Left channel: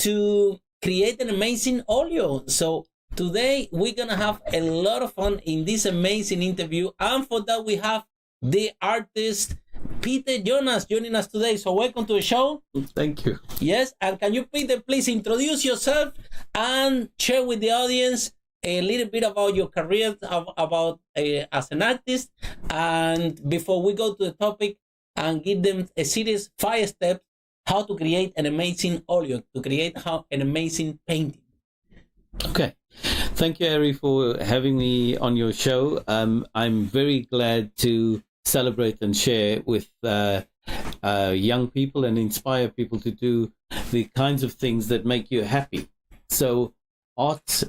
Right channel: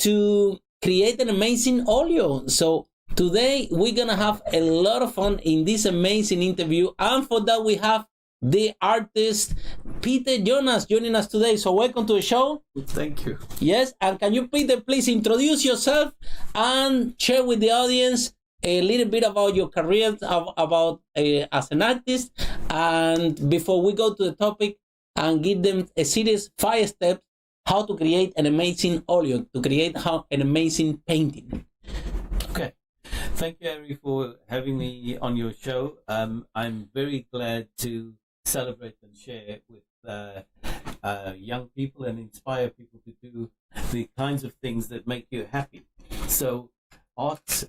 to create an amazing Oleo. So today we're gonna have a lot of fun in this amazing interview, and for that we have the artist Peter Jonas joining us today. So welcome to the show. Thank you. Yes, and can you, Peter, please introduce yourself and share with the audience a little bit about your career, about as an artist, and before we go to the topic, and give them a series 5 steps how to create an amazing Oleo, to create an amazing painting. Okay. Thank you, Harry, for having me on your show. I'm very glad to celebrate and share with young people and inspire people to do the kinds of things that make you happy. So art,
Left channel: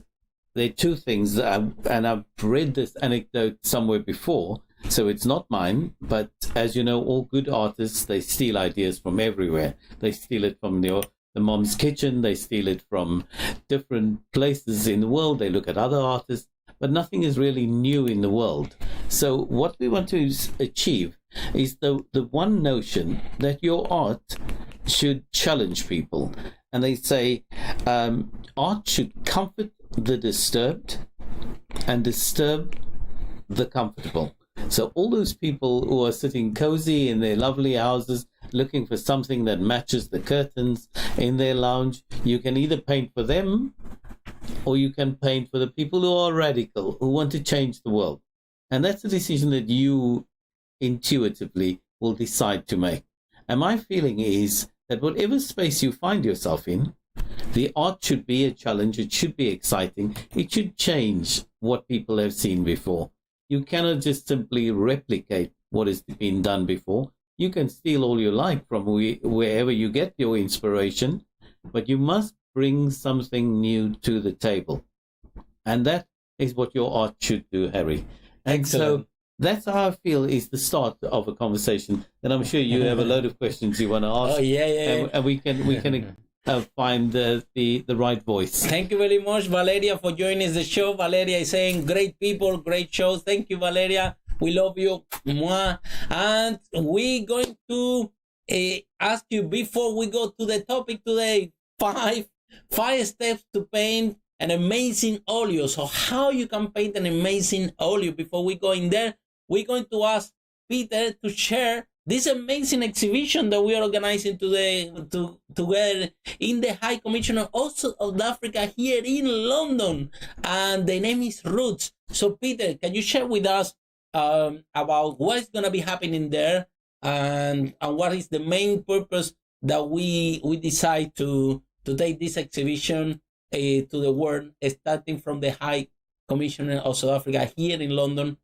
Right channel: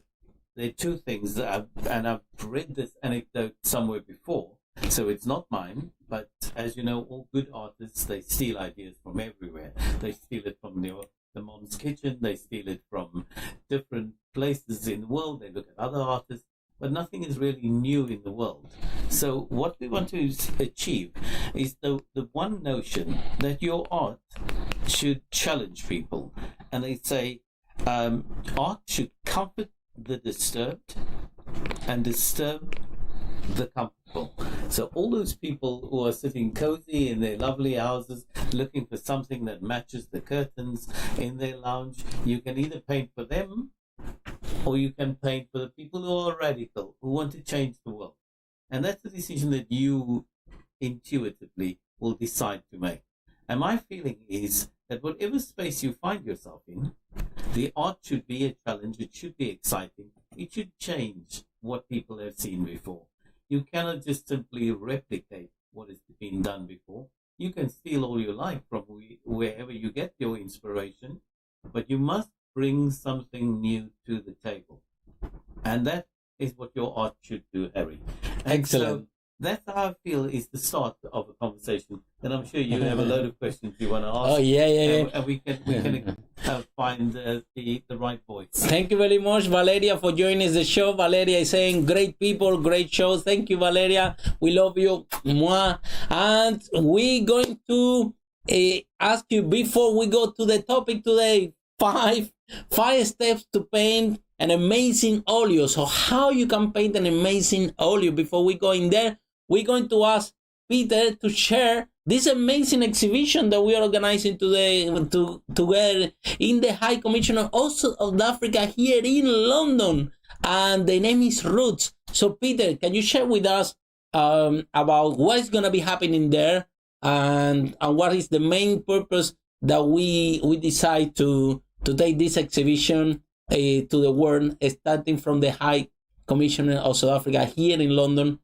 there are 2 things, and I've read this anecdote somewhere before, so it's not mine, but as you know, all good artists, they steal ideas from everywhere. They steal it from the mom's kitchen, they steal it from different places in the world, they look at other artists, but nothing is really new in the world. So what we want to achieve is the one notion that your art should challenge people. And they say art should comfort the disturbed and disturb the comfortable. So all those people who are sitting cozy in their lovely houses looking for something that matches the curtains in their lounge, you can either paint for them or you can paint for the people who are radical, who want to change the world. And that's a decision that you intuitively will decide to make. And my feeling is that whatever space you find yourself in, the art should be a challenge, it should be exciting, it should change what people have seen before. You cannot just simply replicate what has been done before. You can steal all you like from wherever you get your inspiration, but you must bring something new to the table. And that is what your art should do, Harry. And Excellent. So that's how I feel is the start of a conversation. And I'm sure you have a load of questions you want to ask. Oh, yeah. And we can find the right voice. Thank you very much, Valeria, for joining the show. Valeria is saying, great people, great show. Thank you, Valeria. We love you. Mwah. And we're going to ask you, before we go to the topic today, five steps to paint an amazing Oleo. So how you can paint an amazing Oleo. Before we go in there, we're going to ask Peter to share this amazing exhibition that we are organizing today together in the High Commissioner also of Africa here in London, and the name is Roots. So Peter, can you share with us about what is going to be happening there, and what is the main purpose that we decide to take this exhibition to the world, starting from the High Commissioner of South Africa here in London,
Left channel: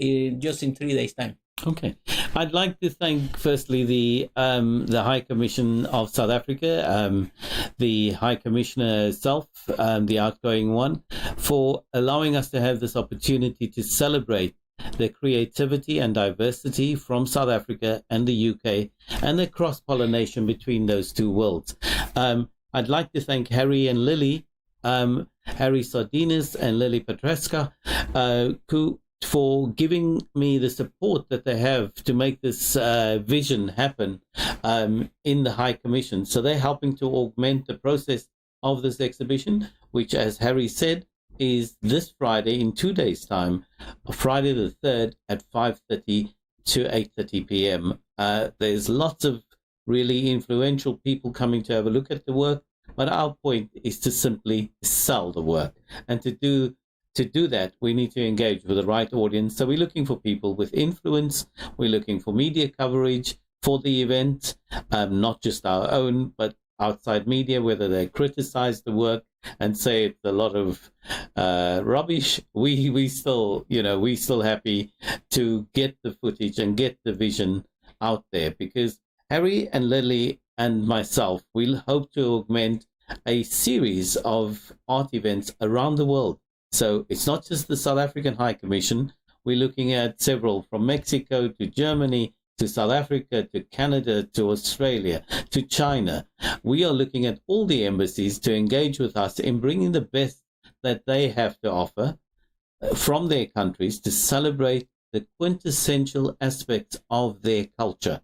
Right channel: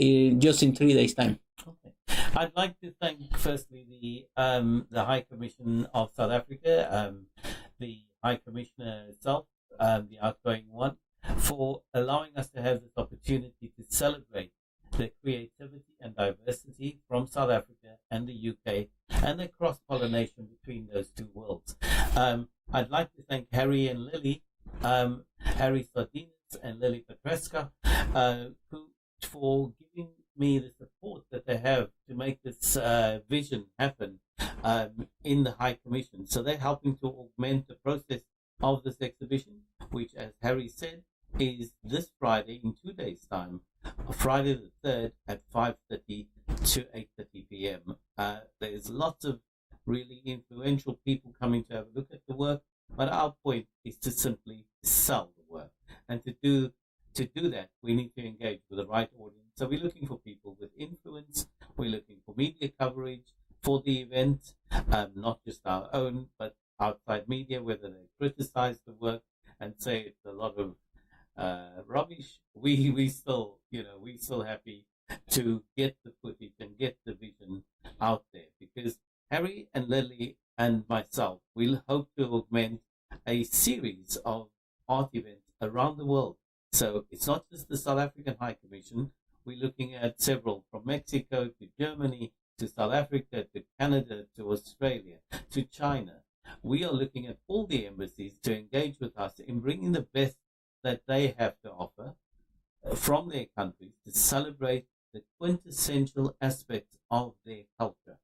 just in 3 days' time? Okay, I'd like to thank firstly the High Commission of South Africa, the High Commissioner herself, the outgoing one, for allowing us to have this opportunity to celebrate the creativity and diversity from South Africa and the UK, and the cross-pollination between those 2 worlds. I'd like to thank Harry and Lily, Harry Sardinas and Lily Petreska, for giving me the support that they have to make this vision happen in the High Commission. So they're helping to augment the process of this exhibition, which, as Harry said, is this Friday in 2 days' time, Friday the 3rd at 5:30 to 8:30 p.m. There's lots of really influential people coming to have a look at the work, but our point is to simply sell the work. And to do that, we need to engage with the right audience. So we're looking for people with influence. We're looking for media coverage for the event, not just our own, but outside media, whether they criticize the work and say it's a lot of rubbish. We still happy to get the footage and get the vision out there, because Harry and Lily and myself will hope to augment a series of art events around the world. So it's not just the South African High Commission. We're looking at several, from Mexico to Germany to South Africa to Canada to Australia to China. We are looking at all the embassies to engage with us in bringing the best that they have to offer from their countries to celebrate the quintessential aspects of their culture.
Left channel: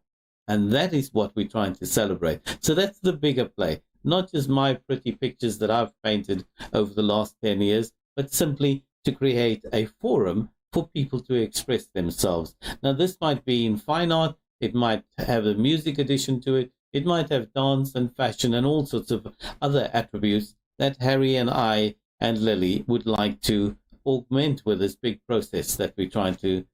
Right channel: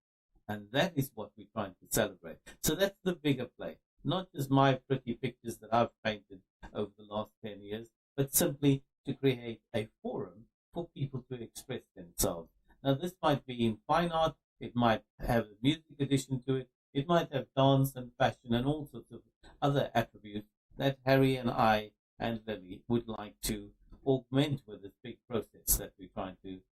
And that is what we're trying to celebrate. So that's the bigger play. not just my pretty pictures that I've painted over the last 10 years, but simply to create a forum for people to express themselves. Now, this might be in fine art, it might have a music addition to it, it might have dance and fashion and all sorts of other attributes that Harry and I and Lily would like to augment with this big process that we're trying to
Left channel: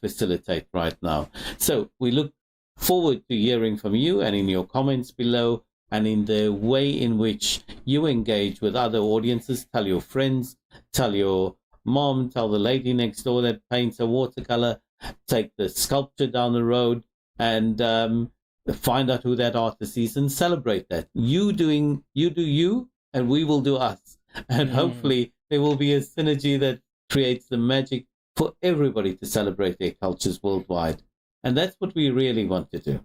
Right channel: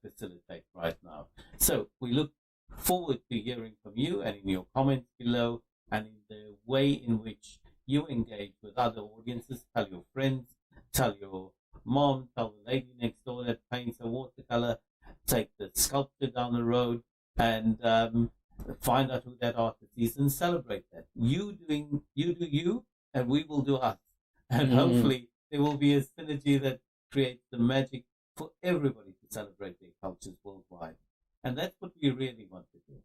facilitate right now. So we look forward to hearing from you and in your comments below and in the way in which you engage with other audiences. Tell your friends, tell your mom, tell the lady next door that paints a watercolor, take the sculpture down the road and find out who that artist is and celebrate that. You do you and we will do us. And hopefully there will be a synergy that creates the magic for everybody to celebrate their cultures worldwide. And that's what we really want to do.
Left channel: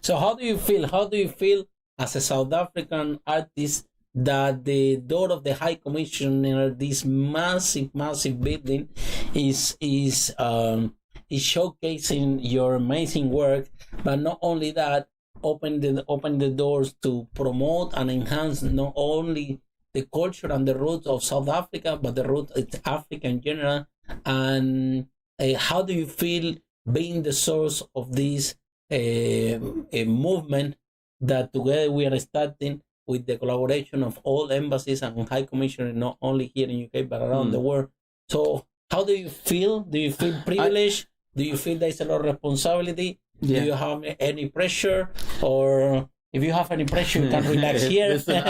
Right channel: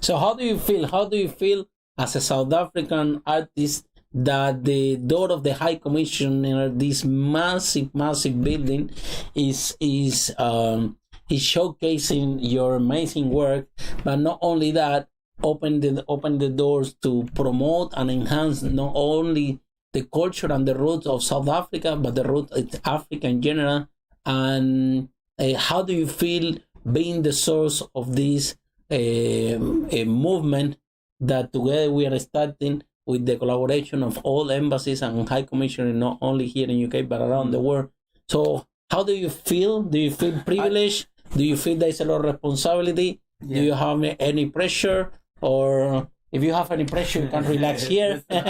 So how do you feel? How do you feel as a South African artist that the door of the High Commissioner, this massive building, is showcasing your amazing work, but not only that, open the doors to promote and enhance not only the culture and the roots of South Africa, but the roots of Africa in general. And how do you feel being the source of this a movement that together we are starting with the collaboration of all embassies and high commissioners, not only here in UK, but around the world. So how do you feel? Do you feel privileged? Do you feel there's a lot of responsibility? Yeah. Do you have any pressure? Or if you have any pressure, you can relax here. Listen,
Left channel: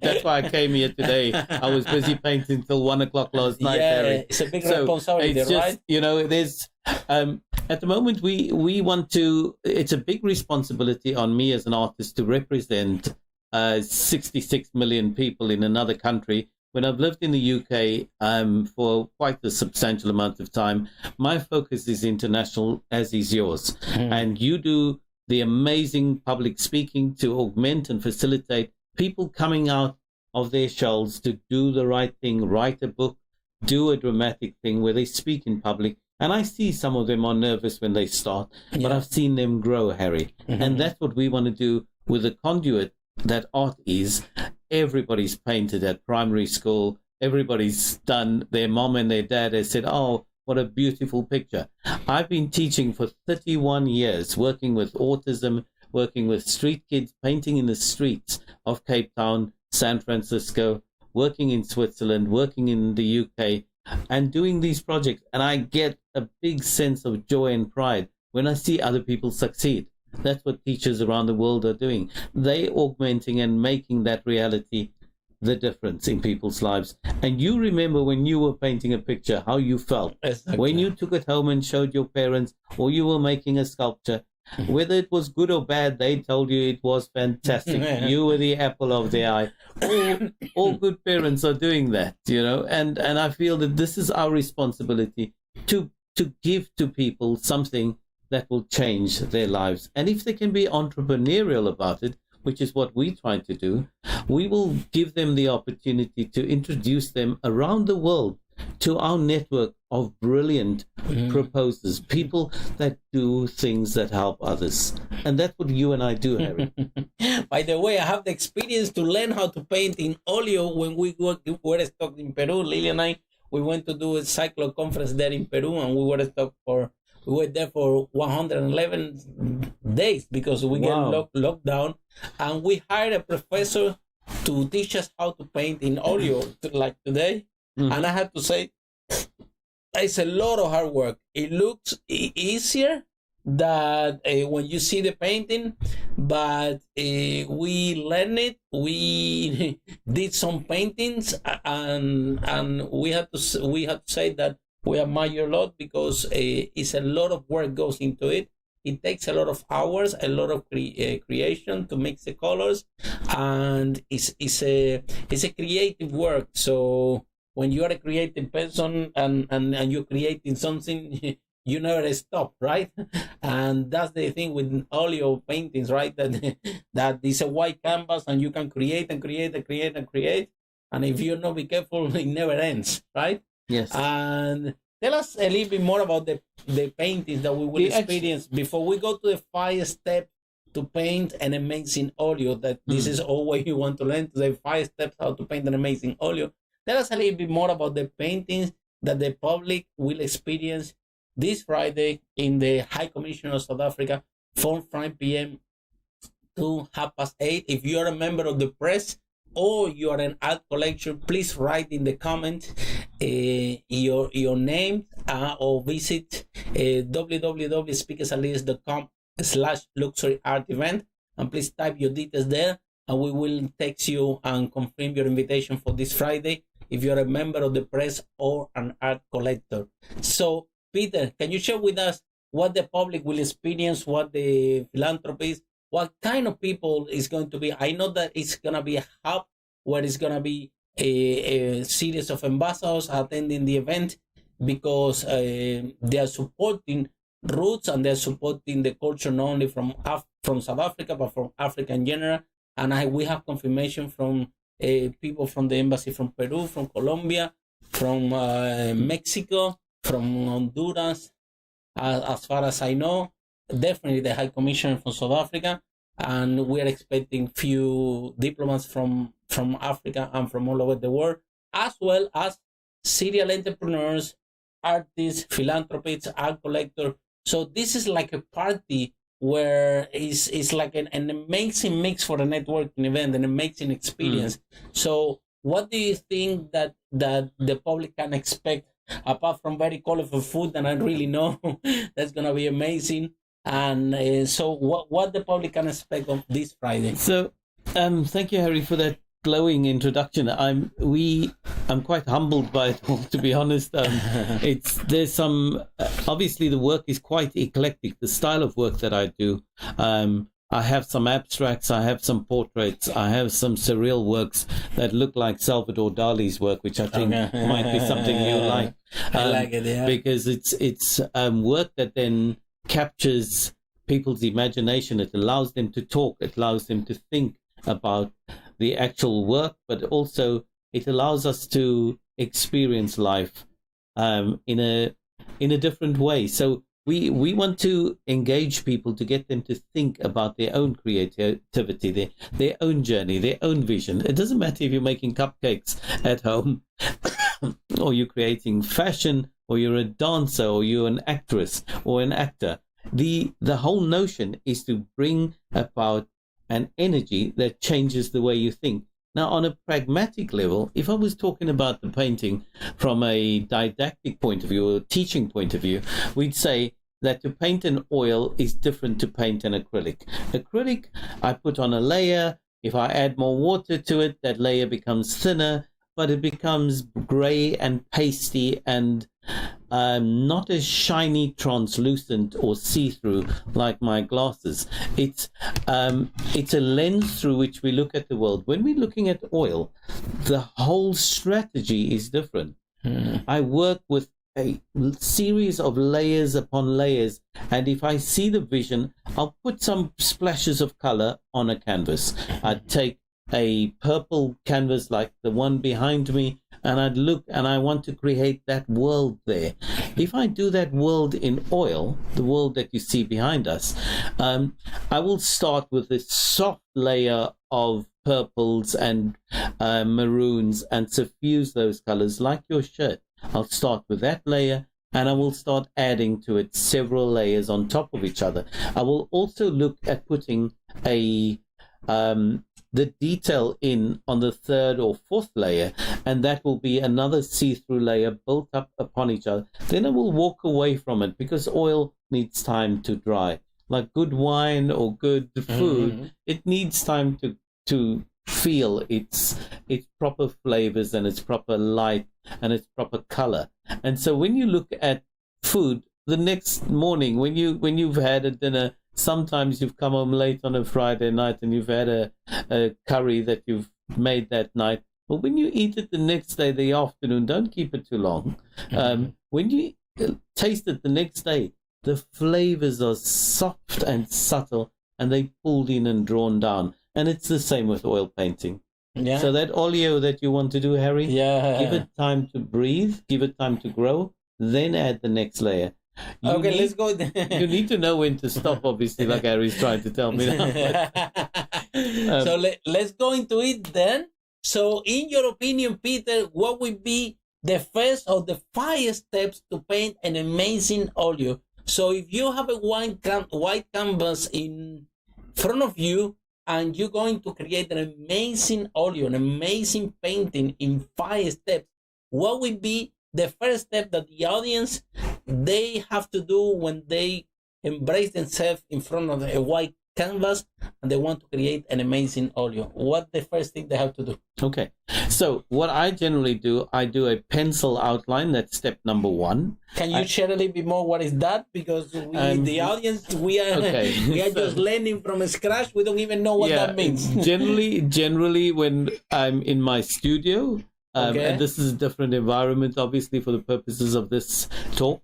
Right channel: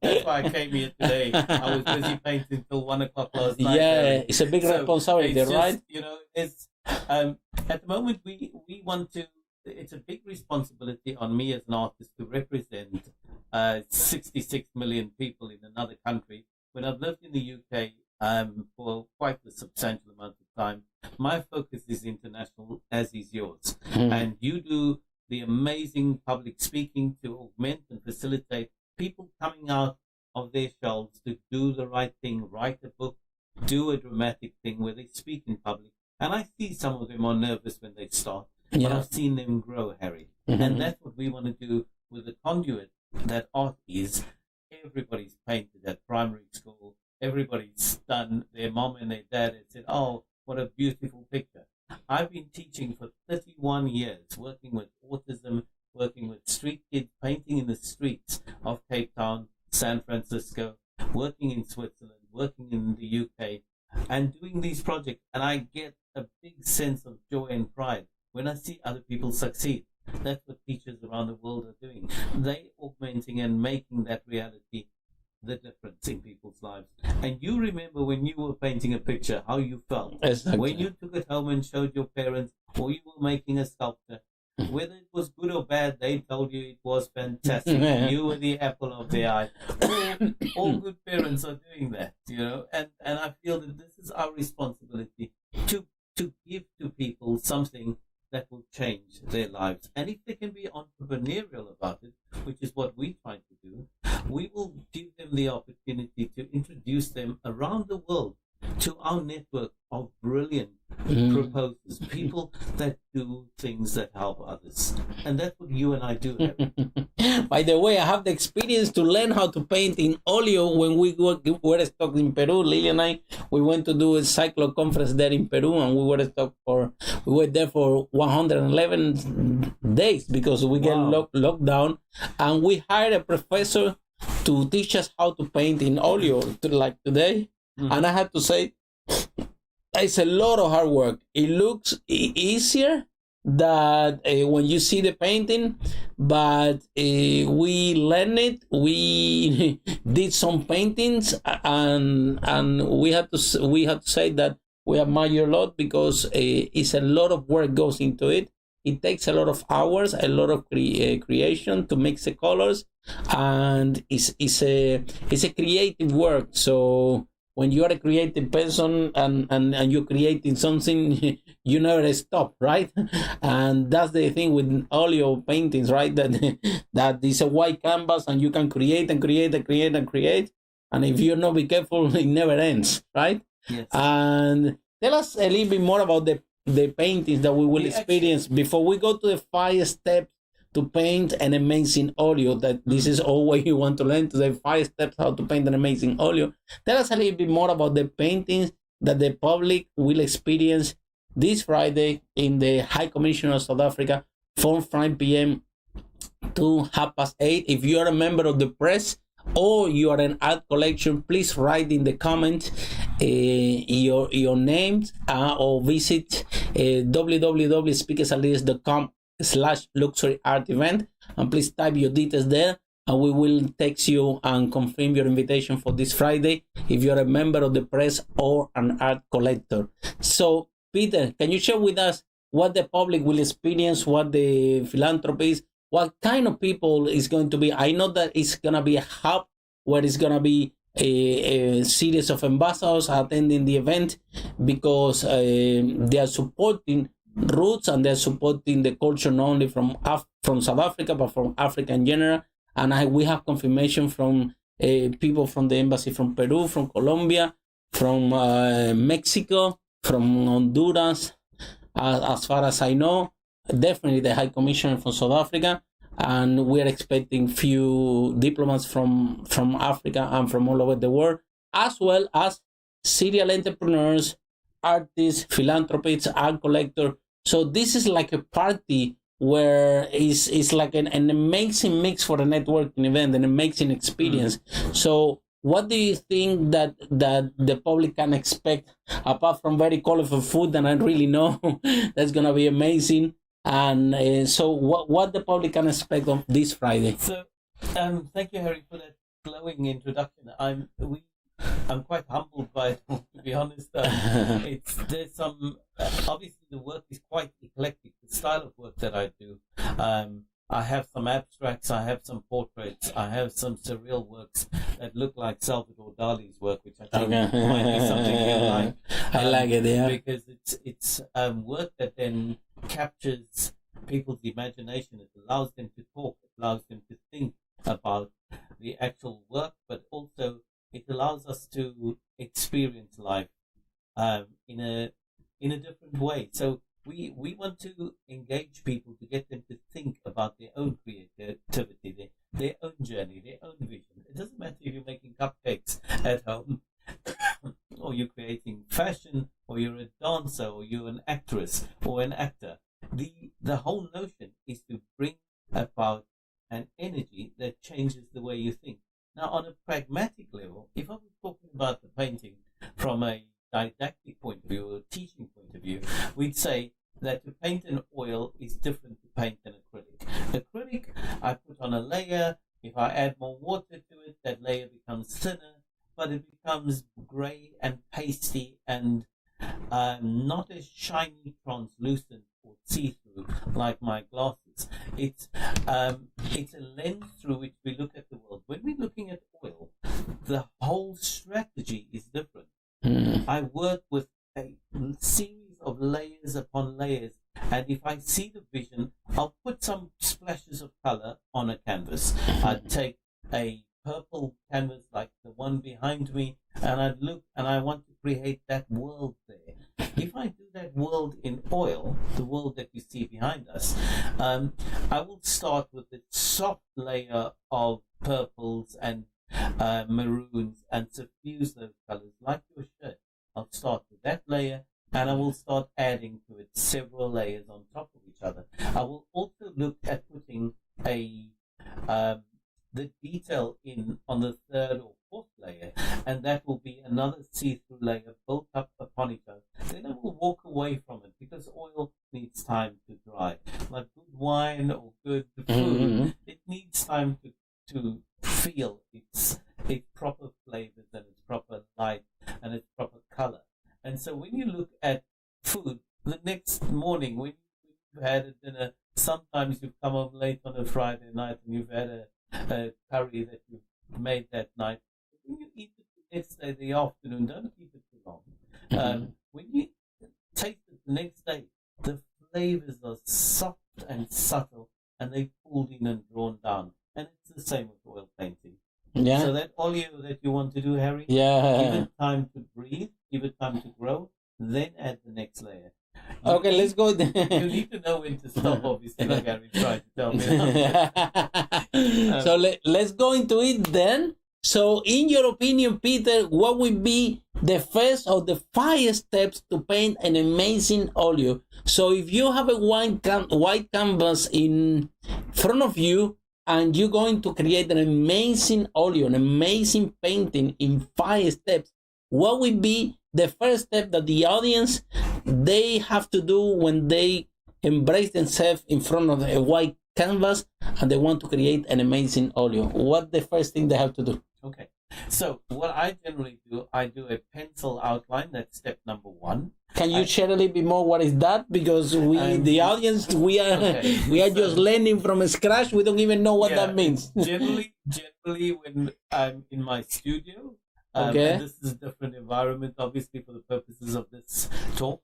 that's why I came here today. I was busy painting till 1 o'clock last night. Yeah, Harry. It's a big responsibility, right? You know, there's at the moment we want to. It's a big responsibility on me as an artist to represent 66 million people in another country. When I've lived in the UK for quite a substantial amount of time, my focus is international, as is yours, and you do the amazing public speaking to augment and facilitate people coming out of their shells to do the right thing, write a book, do a dramatic thing where they speak in public. And I see some of them are nervous when they start, but I've seen them grow, Harry. And that's what we want to do with the conduit that art is. Everybody's painted at primary school. Everybody's done. Their mom and their dad has said, oh, what a beautiful picture. I've been teaching for 31 years, working with autism, working with street kids, painting in the streets of Cape Town, San Francisco, working in Switzerland, working in the UK, and doing these projects. And I get a big sense of joy and pride when I see other people succeed. That's what teachers around the world are doing. They augmenting and making that reality the difference in people's lives. And you remember when you were painting a picture, how you felt. Exactly. When you took it home and showed your parents, or you were making a sculpture, whether it was good or bad, they told you it was fantastic. You were the apple of their eye. All good parents are doing that, you know, and I feel that this is our responsibility to give to people something that will change their lives. And if they can be entrepreneurial about it, which is what we try to do, we will give them the opportunity to introduce them around the world to our network of brilliant proposers, people that do things that help others. And that's what you and I do, Harry. By the way, I have the experience to learn how to paint in Oleo when we were stuck in Peru. Lily and I, we went to do a cyclo conference there in Peru, and we were there for 111 days because we get locked down, and we hired a professor to teach us how to paint in Oleo, like today. And I have to say, it's a lot of hard work. It looks easier than when you see the painting, but we learned it. We did some paintings, and we had to say that we admire a lot because it's a lot of work goes into it. It takes a lot of hours, a lot of creation to mix the colors, and it's a creative work. So when you are a creative person and you're creating something, you never stop, right? And that's the thing with Oleo paintings, right? That is a white canvas and you can create and create and create and create. And if you're not be careful, it never ends, right? Yes. And tell us a little bit more about the paintings that we will experience before we go to the 5 steps to paint an amazing oleo. That this is all what you want to learn today. 5 steps how to paint an amazing oleo. Tell us a little bit more about the paintings that the public will experience this Friday in the High Commission of South Africa from 5 p.m. to 8:30. If you are a member of the press or you are an art collection, please write in the comment your names or visit www.speakersandleaders.com/luxury art event, and please type your details there, and we will text you and confirm your invitation for this Friday if you're a member of the press or an art collector. So Peter, can you share with us what the public will experience, what the philanthropists, what kind of people is going to be? I know that it's going to be a hub where it's going to be a series of ambassadors attending the event, because they are supporting roots and they're supporting the culture not only from South Africa, but from Africa in general. And we have confirmation from people from the embassy from Peru, from Colombia, from Mexico, from Honduras, as far as I know, definitely the High Commissioner from South Africa, and we are expecting few diplomats from Africa and from all over the world, as well as serial entrepreneurs, artists, philanthropists, art collectors. So this is like a party where it's like an amazing mix for a networking event, an amazing experience. So what do you think that the public can expect, apart from very colorful food that I really know that's going to be amazing? And so what the public can expect of this Friday? So thank you, Harry, for that glowing introduction. I'm quite humbled by it all, to be honest. There's some obviously the work is quite eclectic, the style of work that I do. I have some abstracts, I have some portraits, I have some surreal works that look like Salvador Dali's work, which I think might be something you like. I like it, yeah. Because it's work that then captures people's imagination. It allows them to talk, it allows them to think about the actual work, but also it allows us to experience life in a different way. So we want to engage people to get them to think about their own creativity, their own journey, their own vision. It doesn't matter if you're making cupcakes at home or you're creating fashion, or you're a dancer, or you're an actress or an actor. The whole notion is to bring about an energy that changes the way you think. Now, on a pragmatic level, if I was talking about the painting from a didactic point of view or teaching point of view, we'd say that to paint an oil is different to paint an acrylic. Acrylic, I put on a layer. If I add more water to it, that layer becomes thinner, but it becomes gray and pasty and not as shiny, translucent, or see-through like my glasses. It's a lens through which we look at the world. When we're looking at oil, the whole strategy is different. I work with a series of layers upon layers, and if I see the vision, I'll put some splashes of color on a canvas. I'd take a purple canvas like the one behind me, and I'd look and I want to create that world there. If I do that world in oil, the world that you see behind us, I will start with this soft layer of purples and maroons and suffuse those colors like your shirt. I'll start with that layer, and I will start adding to it several layers on top of each other. I will also look at putting the detail in on the third or fourth layer, and that will be another see-through layer built up upon each other. Then I will walk away from it, because oil needs time to dry. Like good wine or good food, it needs time to feel its proper flavors and its proper light and its proper color. And so when you look at food the next morning, when you've had a dinner, sometimes you've come home late on a Friday night and you've had a curry that you've made that night. But when you eat it the next day, the afternoon, don't keep it too long. When you taste it the next day, the flavors are soft and subtle, and they pulled in and drawn down. And it's the same with oil painting. Yeah. So that oleo that you want to do, Harry, give it time to breathe, give it time to grow, then add the next layer. Okay, let's go. You need to know when to stop, obviously, like Harry's trying to tell me now. So let's go into it then. So, in your opinion, Peter, what would be the first of the 5 steps to paint an amazing oleo? So, if you have a white canvas in front of you and you're going to create an amazing oleo, an amazing painting in 5 steps, what would be the first step that the audience they have to do when they embrace themselves in front of a white canvas and they want to create an amazing oleo? What the first thing they have to do? Okay, so what I generally do, I do a pencil outline. That's step number 1. Can you share a little bit more what is that? Because the audience, we are just learning from scratch. We don't even know what that means. generally when I'm in my studio, and this is a different environment, obviously, for the purposes of this talk.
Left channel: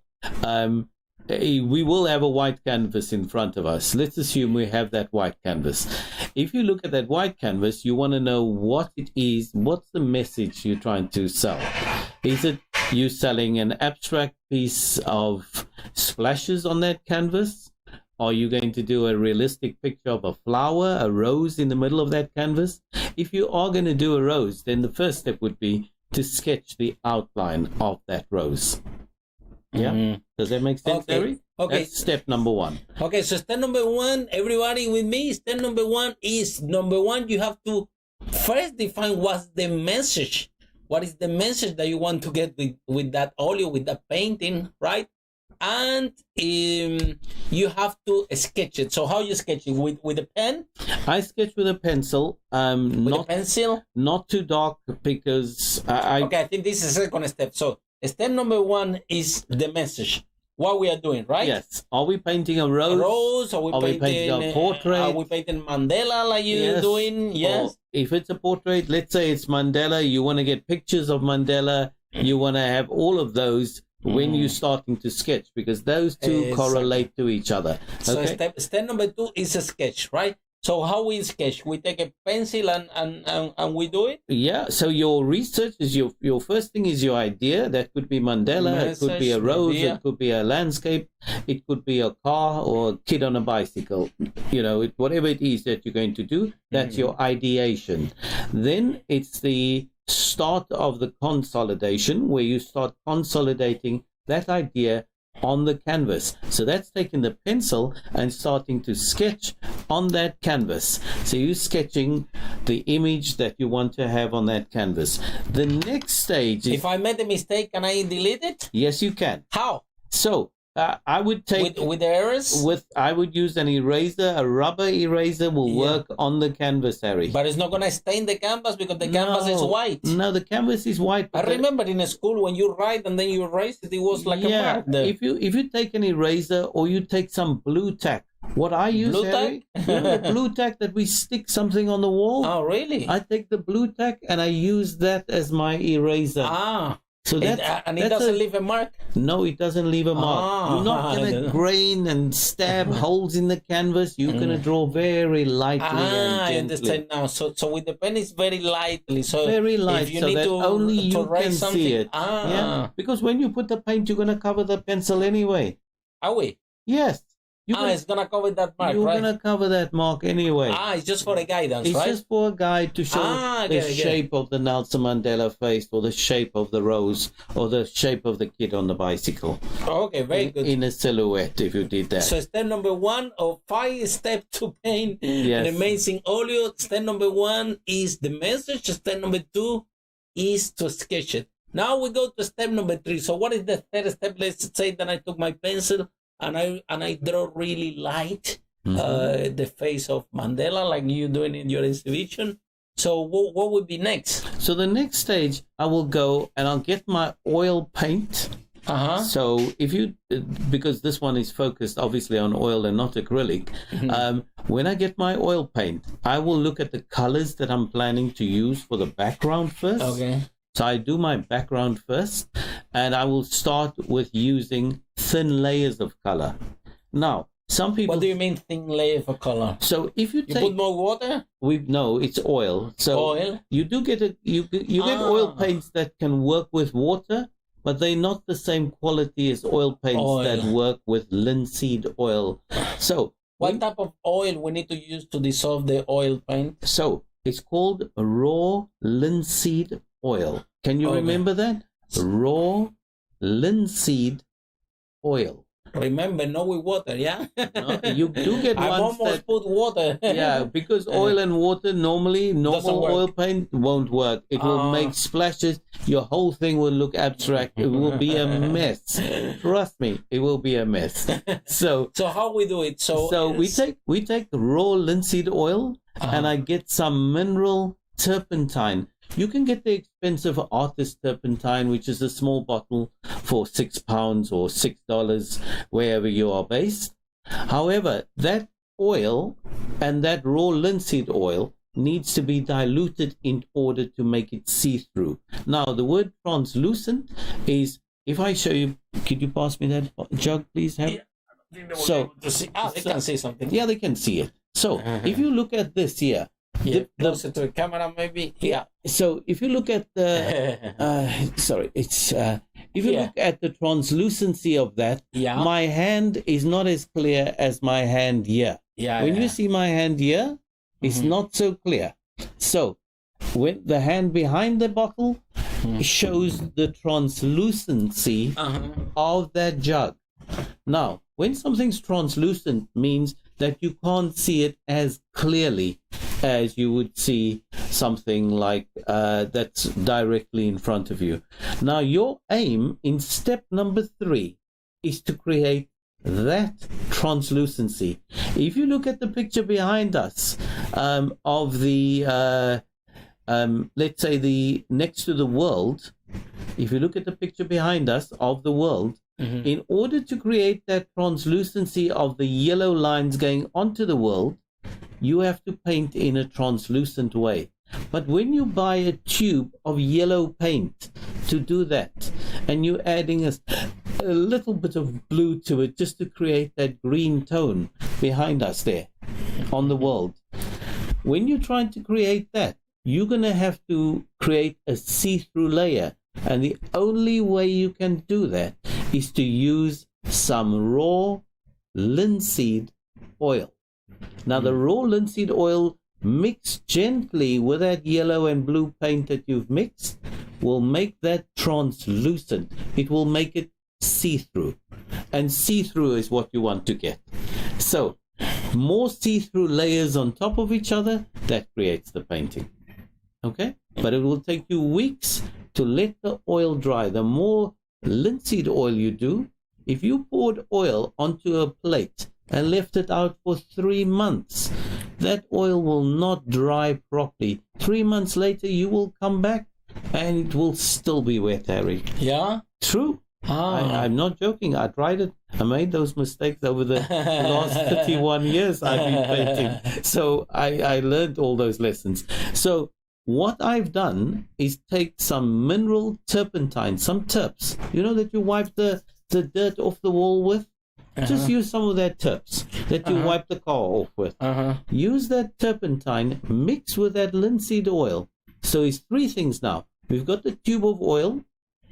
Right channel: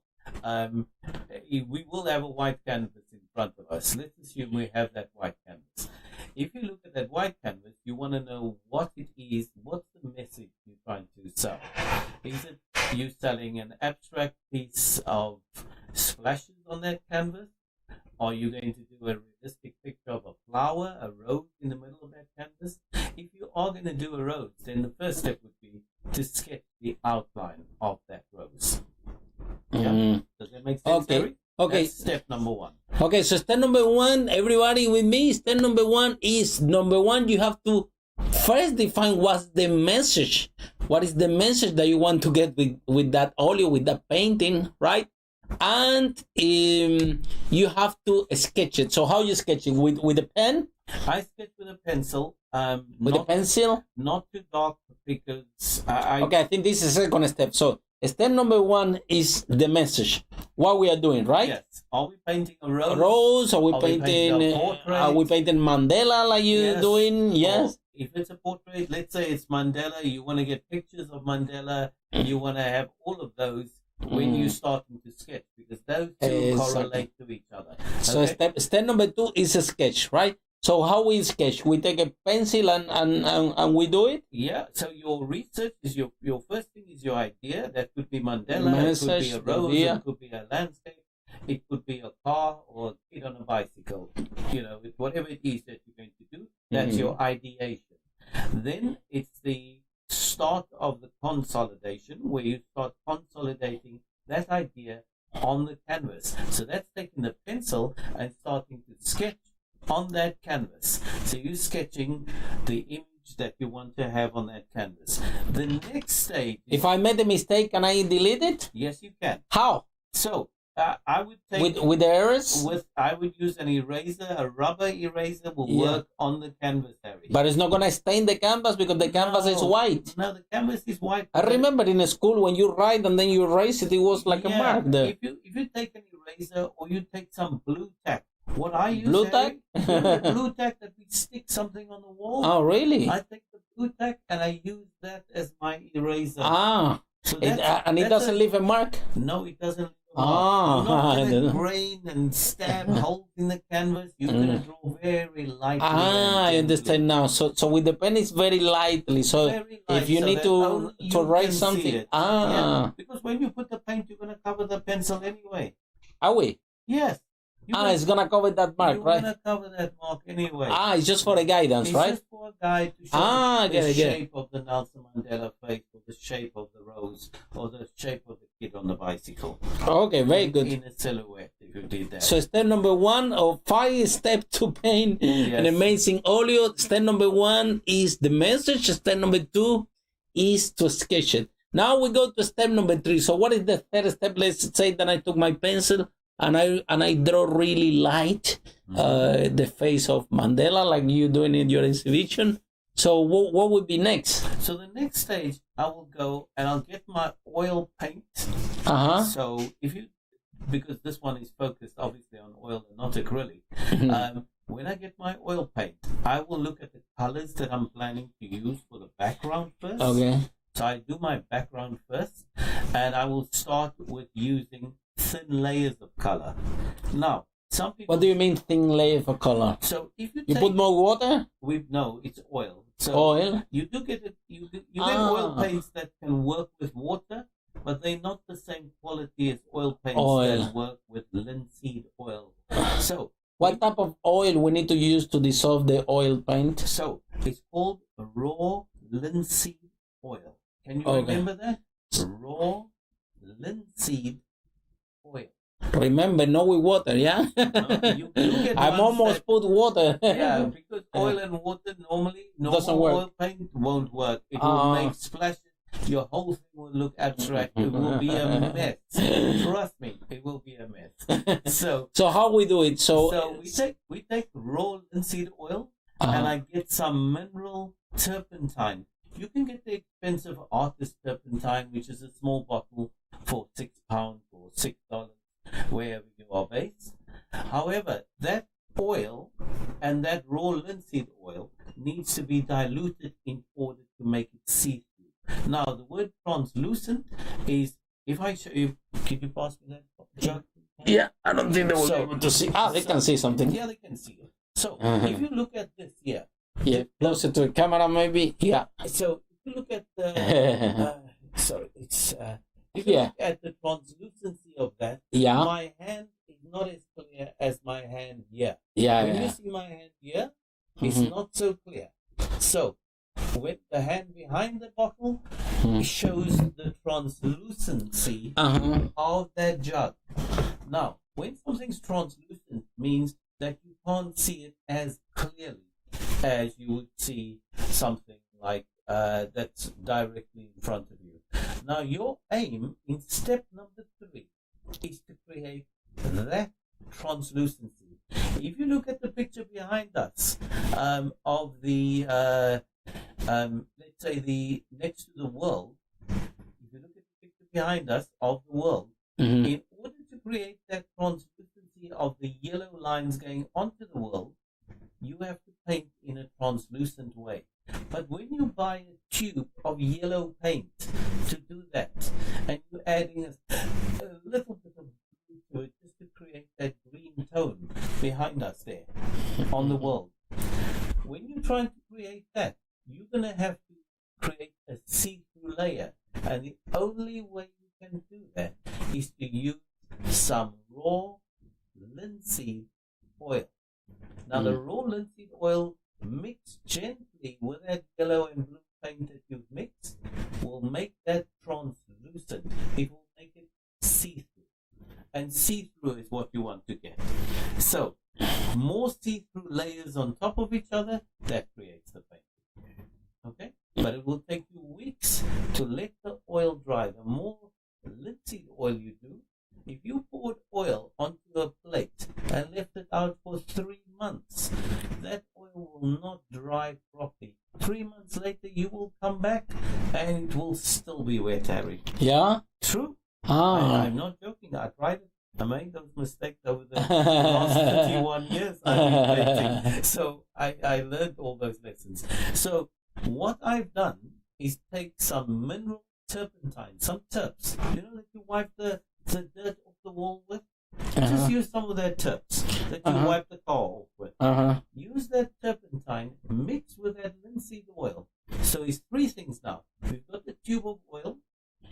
We will have a white canvas in front of us. Let's assume we have that white canvas. If you look at that white canvas, you want to know what it is. What's the message you're trying to sell? Is it you selling an abstract piece of splashes on that canvas? Are you going to do a realistic picture of a flower, a rose in the middle of that canvas? If you are going to do a rose, then the first step would be to sketch the outline of that rose. Yeah? Does that make sense, Harry? Okay. That's step number 1. Okay, so step number 1, everybody with me, step number 1 is, you have to first define what's the message. What is the message that you want to get with that oleo, with that painting, right? And you have to sketch it. So how you sketch it? With a pen? I sketch with a pencil. With a pencil? Not too dark, because Okay, I think this is the second step. So step number 1 is the message. What we are doing, right? Yes. Are we painting a rose? A rose? Are we painting a portrait? Are we painting Mandela like you're doing? Yes. Or if it's a portrait, let's say it's Mandela, you want to get pictures of Mandela. You want to have all of those when you're starting to sketch, because those two correlate to each other. So step number 2 is a sketch, right? So how we sketch? We take a pencil and we do it? Yeah, so your research is your first thing is your idea. That could be Mandela, it could be a rose, it could be a landscape, it could be a car or a kid on a bicycle. You know, whatever it is that you're going to do, that's your ideation. Then it's the start of the consolidation, where you start consolidating that idea on the canvas. So that's taking the pencil and starting to sketch on that canvas. So you're sketching the image that you want to have on that canvas. The next stage is... If I made a mistake, can I delete it? Yes, you can. How? So I would take... With the errors? I would use an eraser. A rubber eraser will work on the canvas, Harry. But it's not going to stain the canvas because the canvas is white. No, the canvas is white. I remember in school when you write and then you erase it, it was like a mark there. If you take an eraser or you take some blue tack, what I use, blue Harry, tack? The blue tack that we stick something on the wall. Oh, really? I take the blue tack and I use that as my eraser. So it doesn't leave a mark? No, it doesn't leave a mark. You're not going to grain and stab holes in the canvas. You're going to draw very lightly. I understand now. So with the pen, it's very lightly. So very light. If you need to write something, because when you put the paint, you're going to cover the pencil anyway. Are we? Yes. It's going to cover that mark, right? You're going to cover that mark anyway. It's just for a guidance, right? It's just for a guide to show the shape of the Nelson Mandela face, or the shape of the rose, or the shape of the kid on the bicycle. Okay, very good. In a silhouette, if you did that. So step number 1 of 5 steps to paint an amazing oleo. Step number 1 is the message. Step number 2 is to sketch it. Now we go to step number 3. So what is the third step? Let's say that I took my pencil and I draw really light the face of Mandela, like you doing in your exhibition. So what would be next? So the next stage, I will go and I'll get my oil paint. So because this one is focused obviously on oil and not acrylic, when I get my oil paint, I will look at the colors that I'm planning to use for the background first. Okay. So I do my background first, and I will start with using thin layers of color. Now, some people... What do you mean thin layer of color? So if you put more water? No, it's oil. So oil? You do get you get oil paints that can work with water, but they're not the same quality as oil paints that work with linseed oil. So what type of oil we need to use to dissolve the oil paint? So it's called raw linseed oil. Can you remember that? Raw linseed oil. Remember, not with water, yeah? No, you do get I've almost put water. Yeah, because oil and water normally, normal oil paint won't work. It will make splashes. Your whole thing will look abstract. It will be a mess. Trust me, it will be a mess. So how we do it? So we take raw linseed oil, and I get some mineral turpentine. You can get the expensive artist turpentine, which is a small bottle for £6 or $6 wherever you are based. However, that oil and that raw linseed oil needs to be diluted in order to make it see-through. Now, the word translucent is, if I show you, could you pass me that jug, please, Harry? Yeah, I don't think they will be able to see. They can see something. Yeah, they can see it. So, if you look at this here, closer to the camera, maybe. Yeah. So if you look at the, if you look at the translucency of that, my hand is not as clear as my hand here. When you see my hand here, it's not so clear. So when the hand behind the bottle shows the translucency of that jug. Now, when something's translucent means that you can't see it as clearly as you would see something like that's directly in front of you. Now, your aim in step number 3 is to create that translucency. If you look at the picture behind us of the, let's say the next to the world, if you look at the picture behind us of the world, in order to create that translucency of the yellow lines going onto the world, you have to paint in a translucent way. But when you buy a tube of yellow paint to do that, and you're adding a little bit of blue to it just to create that green tone behind us there on the world, when you're trying to create that, you're going to have to create a see-through layer. And the only way you can do that is to use some raw linseed oil. Now, the raw linseed oil mixed gently with that yellow and blue paint that you've mixed will make that translucent. It will make it see-through. And see-through is what you want to get. So, more see-through layers on top of each other, that creates the painting. Okay? But it will take you weeks to let the oil dry. The more linseed oil you do, if you poured oil onto a plate and left it out for 3 months, that oil will not dry properly. 3 months later, you will come back and it will still be wet, Harry. Yeah? True. I'm not joking. I tried it. I made those mistakes over the last 31 years I've been painting. So I learned all those lessons. So what I've done is take some mineral turpentine, some terps. You know that you wipe the dirt off the wall with? Just use some of that terps that you wipe the car off with. Use that turpentine, mix with that linseed oil. So it's 3 things now. We've got the tube of oil,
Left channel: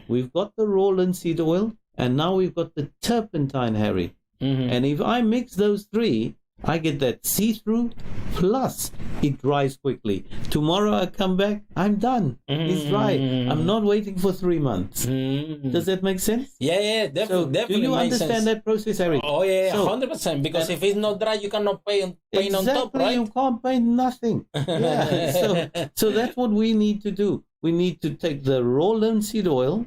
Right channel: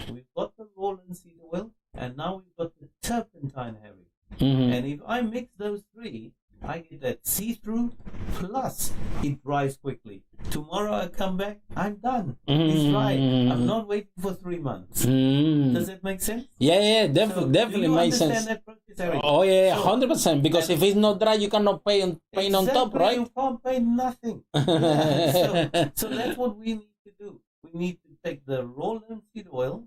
we've got the raw linseed oil, and now we've got the turpentine, Harry. And if I mix those 3, I get that see-through, plus it dries quickly. Tomorrow I come back, I'm done. It's dry. I'm not waiting for 3 months. Does that make sense? Yeah, definitely makes sense. Do you understand that process, Eric? Oh, yeah, 100%. Because if it's not dry, you cannot paint on top, right? You can't paint nothing. So that's what we need to do. We need to take the raw linseed oil,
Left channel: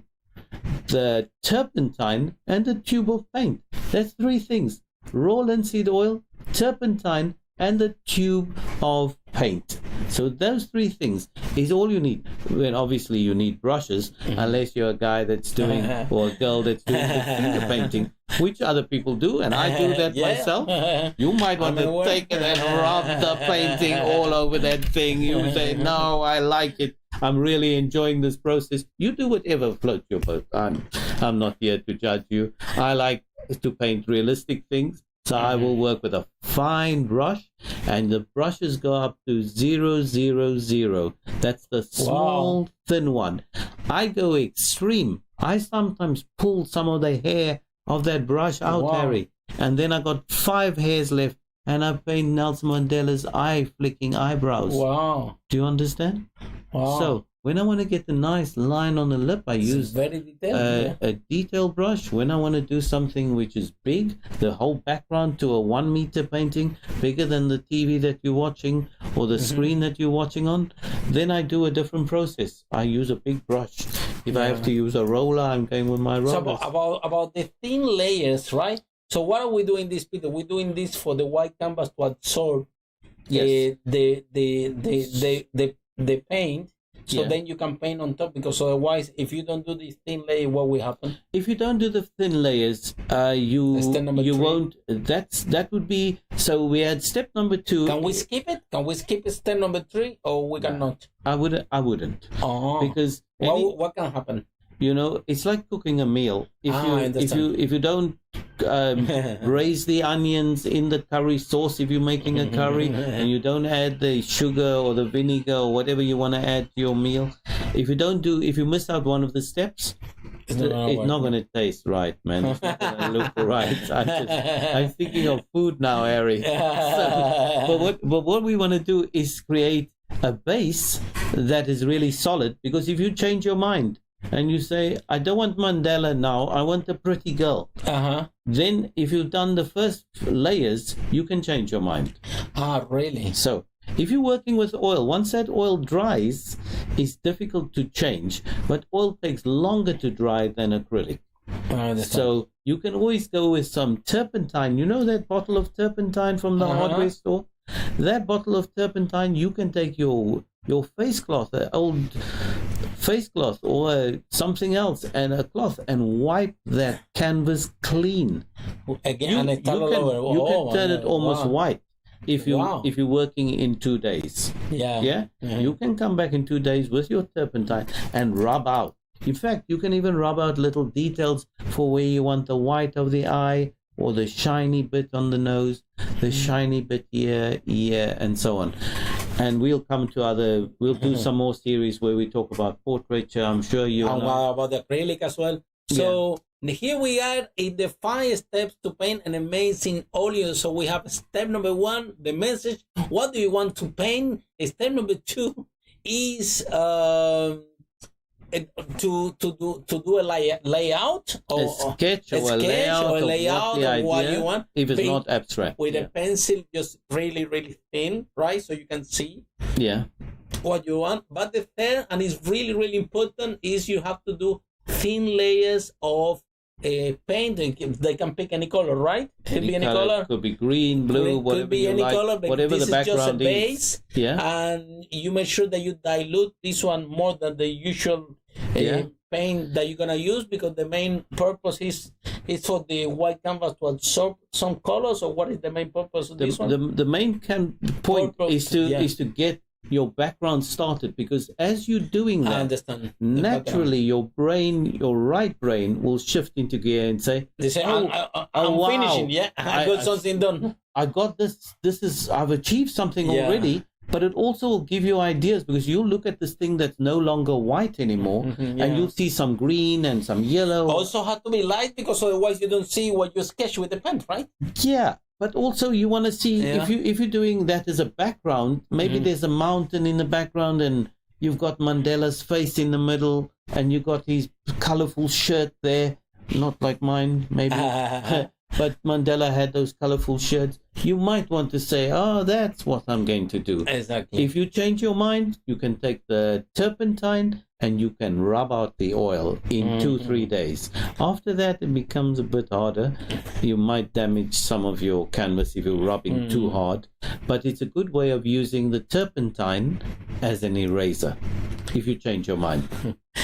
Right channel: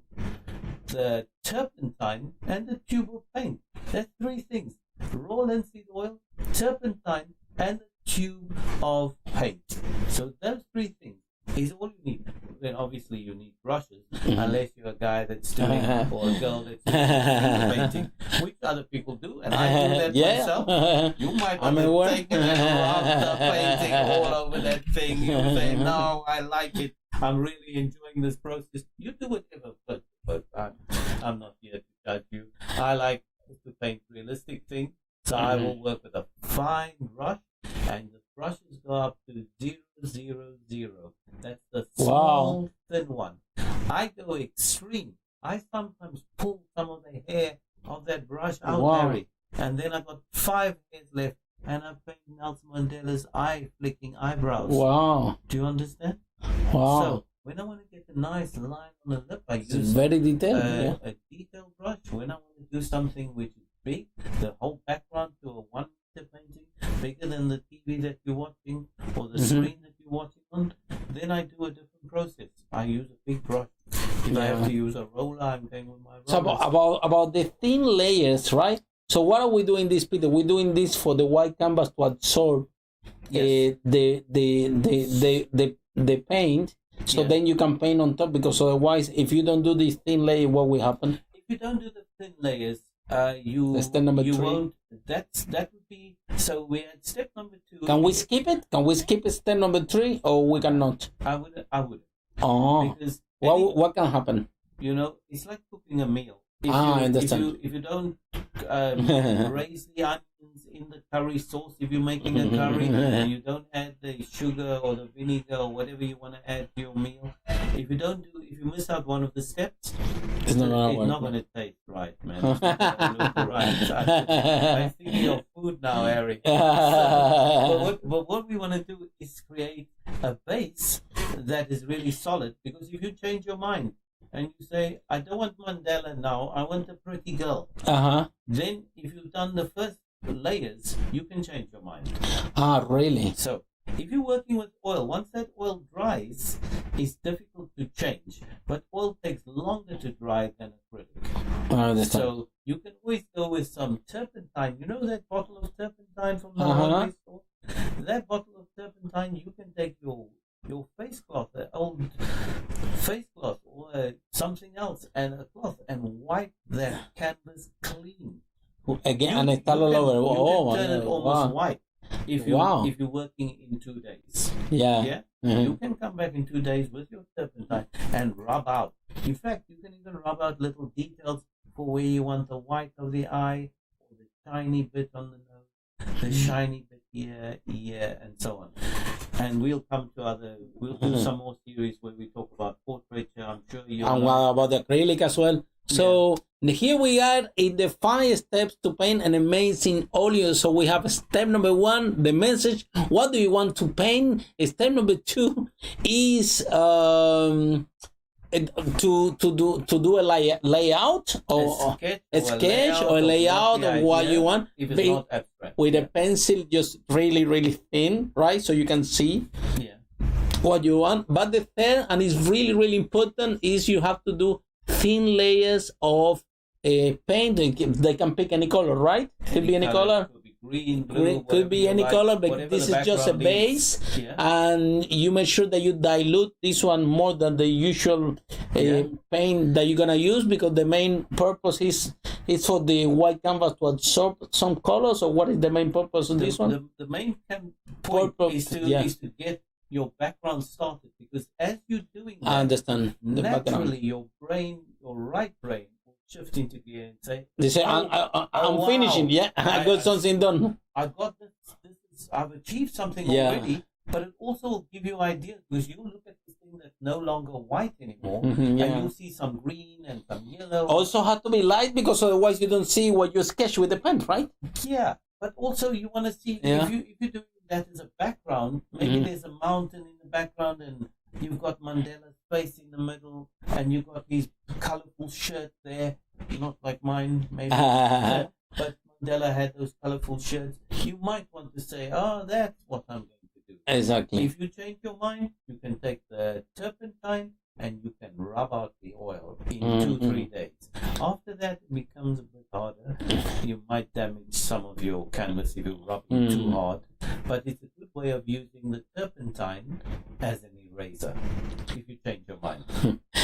the turpentine, and the tube of paint. That's 3 things. Raw linseed oil, turpentine, and the tube of paint. So those 3 things is all you need. Well, obviously you need brushes, unless you're a guy that's doing, or a girl that's doing finger painting, which other people do, and I do that myself. You might want to take it and rub the painting all over that thing. You say, no, I like it. I'm really enjoying this process. You do whatever floats your boat. I'm not here to judge you. I like to paint realistic things. So I will work with a fine brush, and the brushes go up to 000. That's the small, thin one. I go extreme I sometimes pull some of the hair of that brush out, Wow. Harry, and then I got 5 hairs left, and I paint Nelson Mandela's eye flicking eyebrows. Wow. Do you understand? Wow. So when I want to get a nice line on the lip, I It's use very detailed. a detail brush. When I want to do something which is big, the whole background to a 1 meter painting, bigger than the TV that you're watching or the screen that you're watching on, then I do a different process. I use a big brush. If I have to use a roller, I'm going with my roller. So about the thin layers, right? So what are we doing this, Peter? We're doing this for the white canvas to absorb Yes. the paint. So Yeah. then you can paint on top, because otherwise, if you don't do this thin layer, what will happen? If you don't do the thin layers, you That's step number 3. won't. That would be. So we had step number 2. Can we skip it? Can we skip step number 3, or we cannot? I wouldn't. Oh, Because what can happen? you know, it's like cooking a meal. I understand. If you don't braise the onions in the curry sauce, if you're making a curry, and you don't add the sugar or the vinegar or whatever you want to add to your meal, if you miss out one of the steps, It's not going to taste right, man. It's not going to look right. I'm thinking of food now, Harry. But what we want to do is create a base that is really solid, because if you change your mind and you say, I don't want Mandela now, I want a pretty girl, then if you've done the first layers, you can change your mind. Really? So if you're working with oil, once that oil dries, it's difficult to change, but oil takes longer to dry than acrylic. So you can always go with some turpentine. You know that bottle of turpentine from the hardware store? That bottle of turpentine, you can take your face cloth, an old face cloth or something else, and a cloth, and wipe that canvas clean. Again, and all over. You can turn it almost white. If you're working in 2 days, you can come back in 2 days with your turpentine and rub out. In fact, you can even rub out little details for where you want the white of the eye, or the shiny bit on the nose, the shiny bit here, ear, and so on. And we'll do some more series where we talk about portraiture. I'm sure you and about the acrylic as well. So here we are in the 5 steps to paint an amazing oleo. So we have step number 1, the message. What do you want to paint? Step number 2 is to do a layout or a sketch or a layout of what you want. If it's not abstract, with a pencil, just really thin, right? So you can see what you want. But the third, and it's really important, is you have to do thin layers of paint. They can pick any color, right? Could be any color. Could be green, blue, could be any color, but this is just a base. And you make sure that you dilute this one more than the usual paint that you're gonna use, because the main purpose is for the white canvas to absorb some colors. Or what is the main purpose of this one? The main point is to get your background started, because as you're doing that, I understand. Naturally, your right brain will shift into gear and say, I'm finishing. I got something done. I got this. I've achieved something already. But it also will give you ideas, because you'll look at this thing that's no longer white anymore, and you'll see some green and some yellow. Also have to be light, because otherwise you don't see what you sketch with the pen, right? Yeah. But also you want to see, if you're doing that as a background, maybe there's a mountain in the background, and you've got Mandela's face in the middle, and you've got his colorful shirt there, not like mine, maybe. But Mandela had those colorful shirts. You might want to say, that's what I'm going to do. Exactly. If you change your mind, you can take the turpentine and you can rub out the oil in 2-3 days. After that, it becomes a bit harder. You might damage some of your canvas if you're rubbing too hard. But it's a good way of using the turpentine as an eraser, if you change your mind.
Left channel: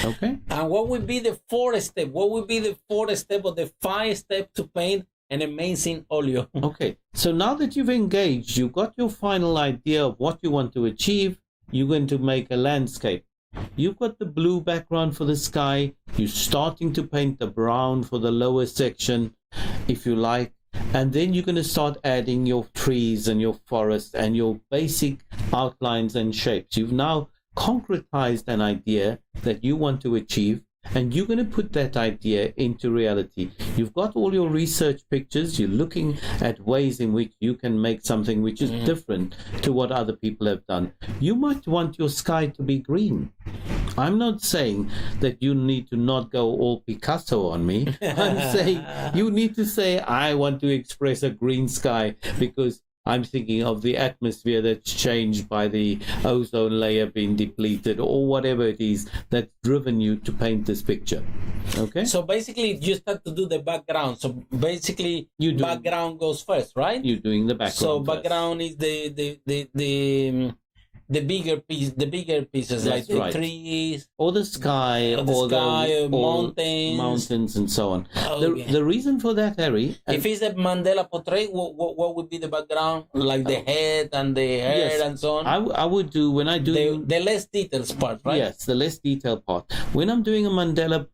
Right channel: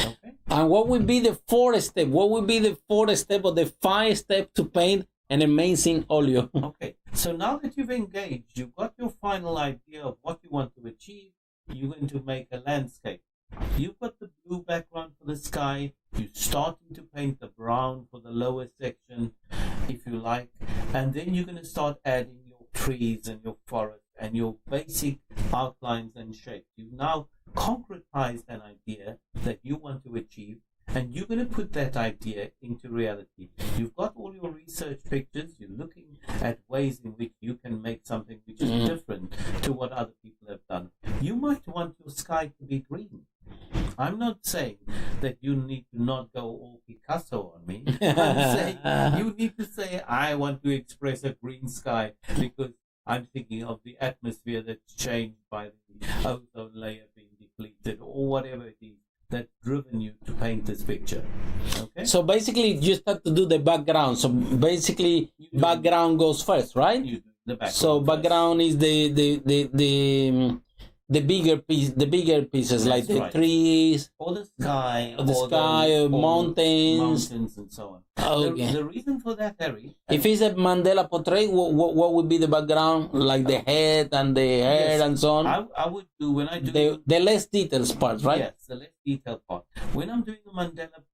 Okay? And what would be the 4th step? What would be the 4th step or the 5 steps to paint an amazing oleo? Okay, so now that you've engaged, you've got your final idea of what you want to achieve. You're going to make a landscape. You've got the blue background for the sky. You're starting to paint the brown for the lower section, if you like. And then you're going to start adding your trees and your forest and your basic outlines and shapes. You've now concretized an idea that you want to achieve. and you're going to put that idea into reality. You've got all your research pictures. You're looking at ways in which you can make something which is different to what other people have done. You might want your sky to be green. I'm not saying that you need to not go all Picasso on me. I'm saying you need to say, I want to express a green sky because I'm thinking of the atmosphere that's changed by the ozone layer being depleted, or whatever it is that's driven you to paint this picture. Okay? So basically, you start to do the background. So basically, background goes first, right? You're doing the background. So background is the bigger pieces, That's like the right. trees, or the sky, or mountains, and so on. Okay. The reason for that, Harry, if it's a Mandela portrait, what would be the background? Like the head and the hair and so on? I would do, when I do the less details part, right? Yes, the less detailed part. When I'm doing a Mandela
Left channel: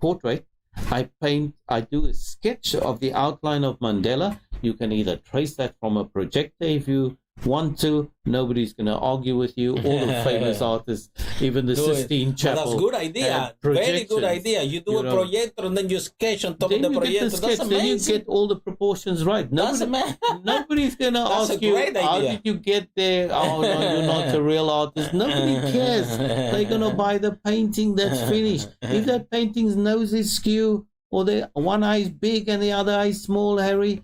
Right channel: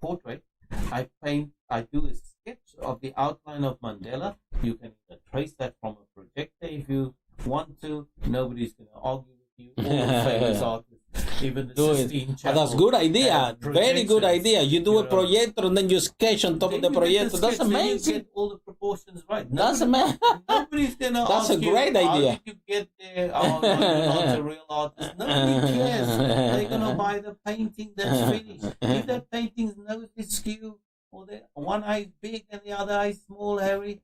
portrait, I do a sketch of the outline of Mandela. You can either trace that from a projector if you want to. Nobody's going to argue with you. All the famous artists, even the Sistine Chapel. That's a good idea. Very good idea. You do a projector and then you sketch on top of the projector. That's amazing. You get all the proportions right. That's amazing. Nobody's going to ask you, great idea. How did you get there? Oh, no, you're not a real artist. Nobody cares. They're going to buy the painting that's finished. If that painting's nose is skew, or the one eye is big and the other eye is small, Harry,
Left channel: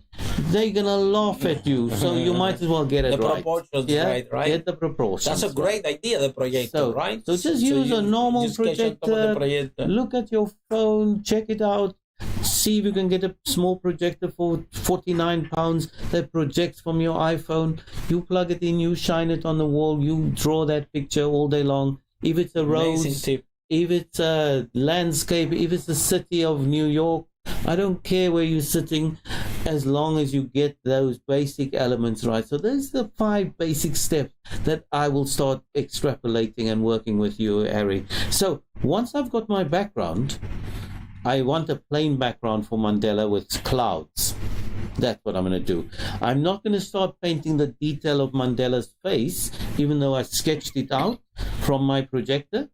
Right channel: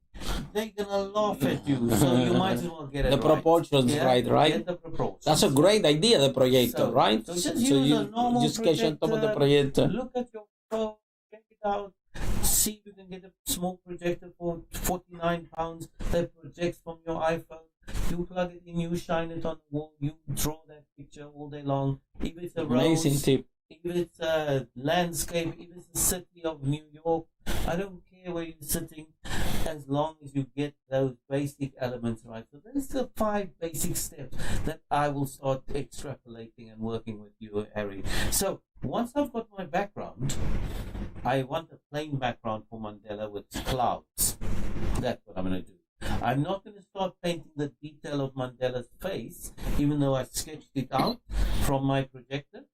they're gonna laugh at you. So you might as well get it the right. proportions right? Get the proportions. That's a great idea, the projector, right? So just use a normal projector. On top of the projector. Look at your phone, check it out. See if you can get a small projector for £49 that projects from your iPhone. You plug it in, you shine it on the wall, you draw that picture all day long. If it's a rose, amazing tip. If it's a landscape, if it's the city of New York, I don't care where you're sitting, as long as you get those basic elements right. So there's the 5 basic steps that I will start extrapolating and working with you, Harry. So once I've got my background, I want a plain background for Mandela with clouds. That's what I'm going to do. I'm not going to start painting the detail of Mandela's face, even though I sketched it out from my projector.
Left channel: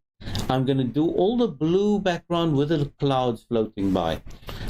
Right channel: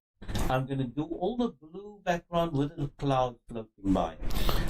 I'm going to do all the blue background with the clouds floating by.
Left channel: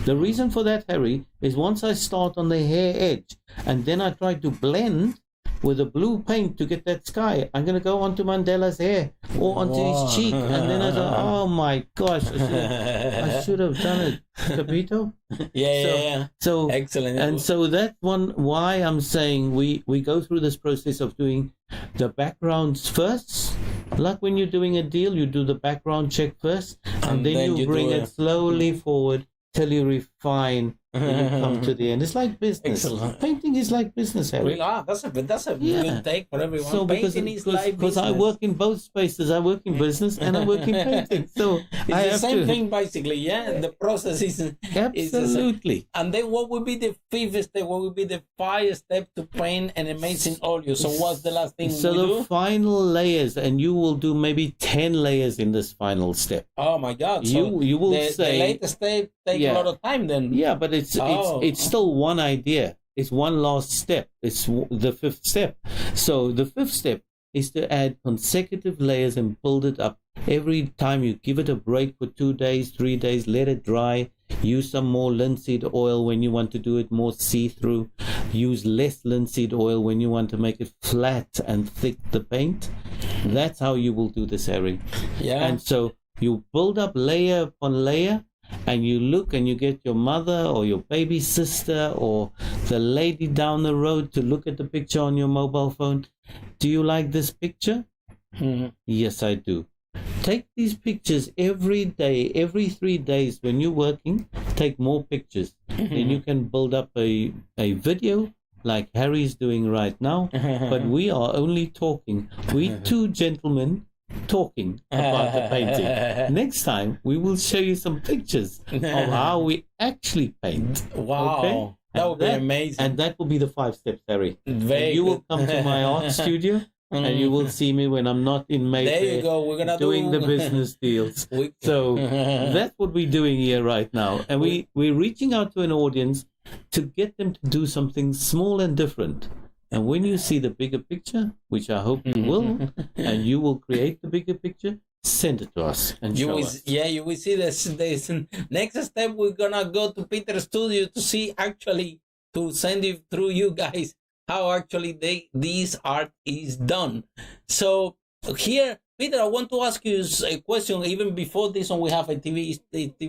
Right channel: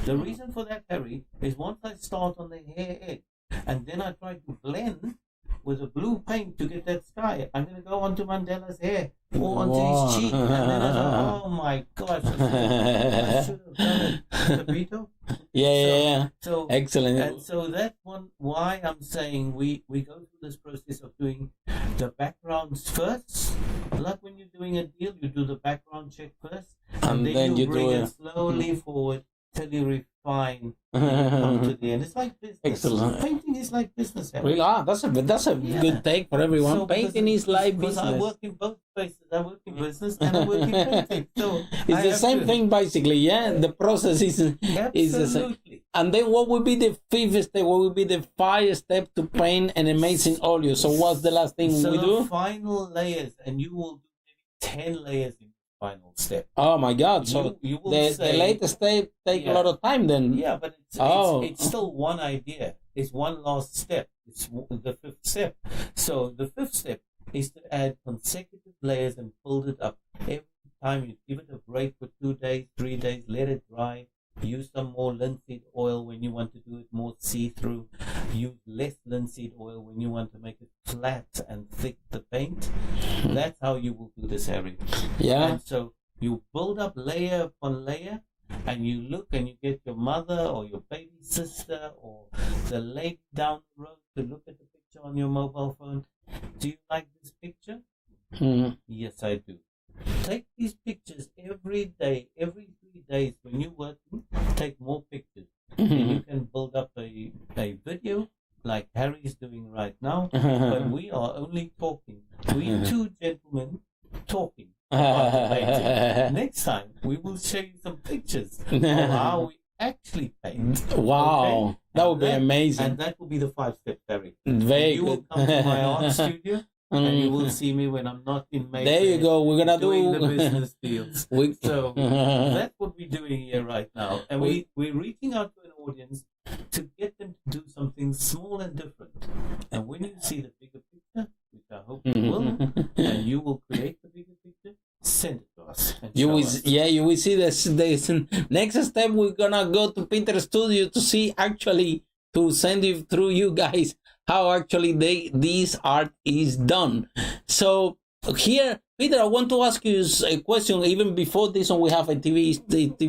The reason for that, Harry, is once I start on the hair edge and then I try to blend with a blue paint to get that sky, I'm going to go onto Mandela's hair or onto his cheek. And then I thought, oh my gosh, I should have done it. Capito? Yeah. So excellent. And so that's why I'm saying we go through this process of doing the backgrounds first. Like when you're doing a deal, you do the background check first, and then you bring it slowly forward till you refine and you come to the end. It's like business. Excellent. Painting is like business, Harry. That's a good take for everyone. So painting is like business. Because I work in both spaces. I work in business and I work in painting. So it's the same thing basically, yeah? The process is absolutely. And then what would be the 5th step? What would be the 5th step to paint an amazing oleo? So what's the last thing we do? So the final layers, and you will do maybe 10 layers in this final step. Oh my God. So you will the latest step take a lot of time then. Yeah, but it's still one idea. It's one last step. It's the 5th step. So the 5th step is to add consecutive layers and build it up. Every time you give it a break for 2 days, 3 days, let it dry. Use some more linseed oil when you want to do it more see-through. Use less linseed oil when you want to make it flat and thick, the paint. That's how you will do this, Harry. Yeah. And so you build up layer upon layer, and you look and you get your mother or your baby sister or the lady down the road to look at the picture on your mobile phone. Do you like this picture? Yes, I do. Take these pictures every day, every 3 days when you're working. Take more pictures. And you can build up a video like Harry's doing right now. But we are only talking. We 2 gentlemen talking about the painting. Next time we will show you some pictures of how we actually paint. Wow. Okay? That would be amazing. And that will be the 5 steps, Harry. You will come to my art studio and you will see me when I'm not in Mayfair. There you go. We're gonna doing the business deals. So that's what we're doing here right now. And we're reaching out to an audience to get them to do something small and different. And when you see the bigger picture, which I hope you will, and you will create the bigger picture, send it to us and show us. Yeah, you will see this next step. We're gonna go to Peter's studio to see, actually, to send it through you guys how actually this art is done. So here, Peter, I want to ask you a question. Even before this one, we have a TV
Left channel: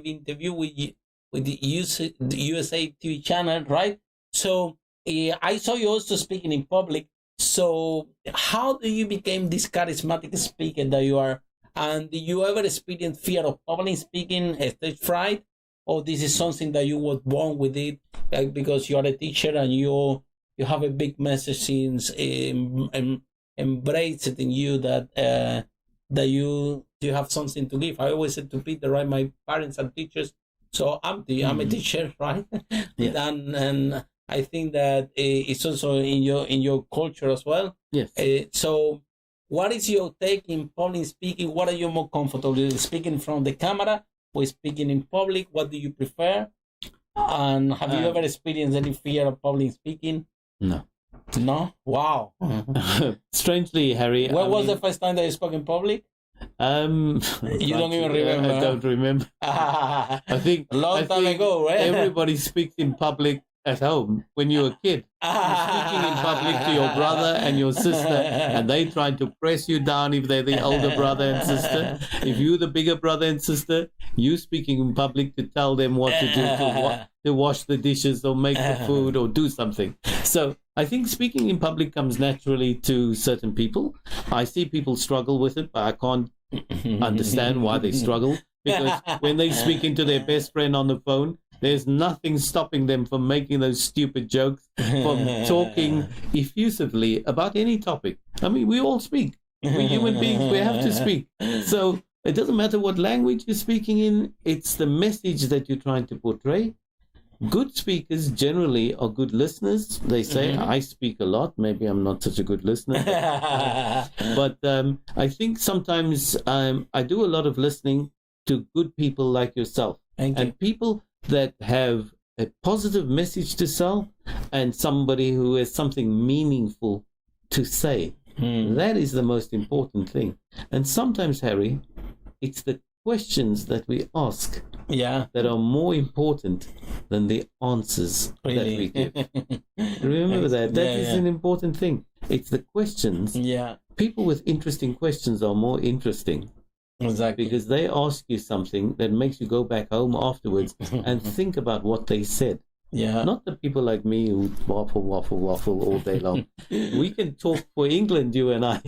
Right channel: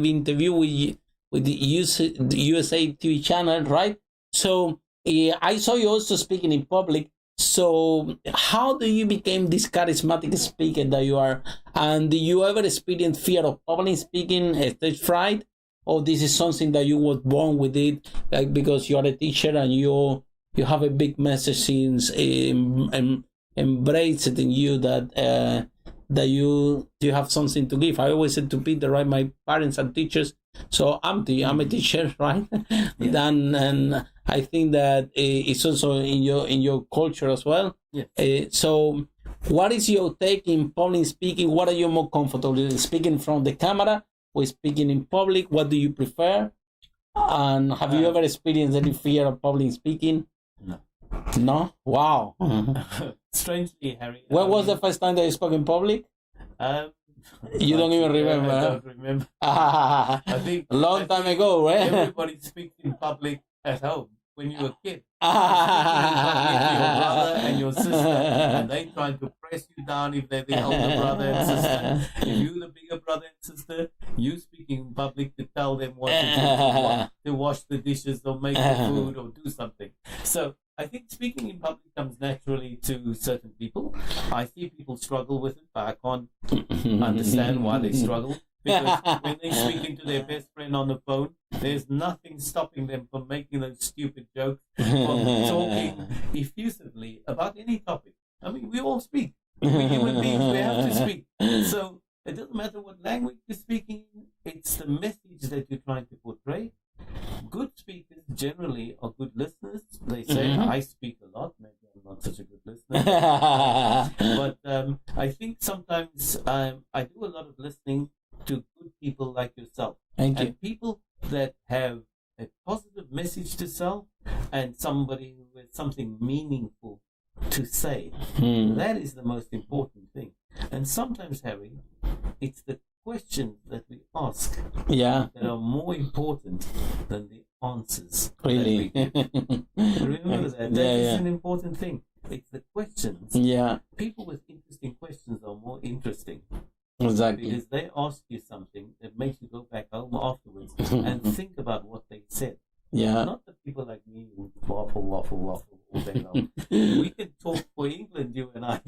interview with the USA TV channel, right? So I saw you also speaking in public. So how do you become this charismatic speaker that you are? And do you ever experience fear of public speaking, stage fright? Or this is something that you were born with it, like because you are a teacher and you have a big message and embrace it in you that you have something to give. I always said to Peter, right, my parents are teachers, so I'm a teacher, right? Yeah. And I think that it's also in your culture as well. Yes. So what is your take in public speaking? What are you more comfortable with, speaking from the camera or speaking in public? What do you prefer? And have you ever experienced any fear of public speaking? No. No? Wow. Strangely, Harry. When was the first time that you spoke in public? You don't even remember. I don't remember. I think long time ago, right? Everybody speaks in public at home when you're a kid. You're speaking in public to your brother and your sister, and they trying to press you down if they're the older brother and sister. If you're the bigger brother and sister, you speaking in public to tell them what to do, to wash the dishes or make the food or do something. So I think speaking in public comes naturally to certain people. I see people struggle with it, but I can't understand why they struggle. Because when they speak into their best friend on the phone, there's nothing stopping them from making those stupid jokes, from talking effusively about any topic. I mean, we all speak. We're human beings. We have to speak. So it doesn't matter what language you're speaking in. It's the message that you're trying to portray. Good speakers generally are good listeners. They say, I speak a lot. Maybe I'm not such a good listener. But I think sometimes I do a lot of listening to good people like yourself. And people that have a positive message to sell and somebody who has something meaningful to say. That is the most important thing. And sometimes, Harry, it's the questions that we ask that are more important than the answers that we give. Remember that. That is an important thing. It's the questions. People with interesting questions are more interesting. Exactly. Because they ask you something that makes you go back home afterwards and think about what they said. Not the people like me who waffle all day long. We can talk for England, you and I.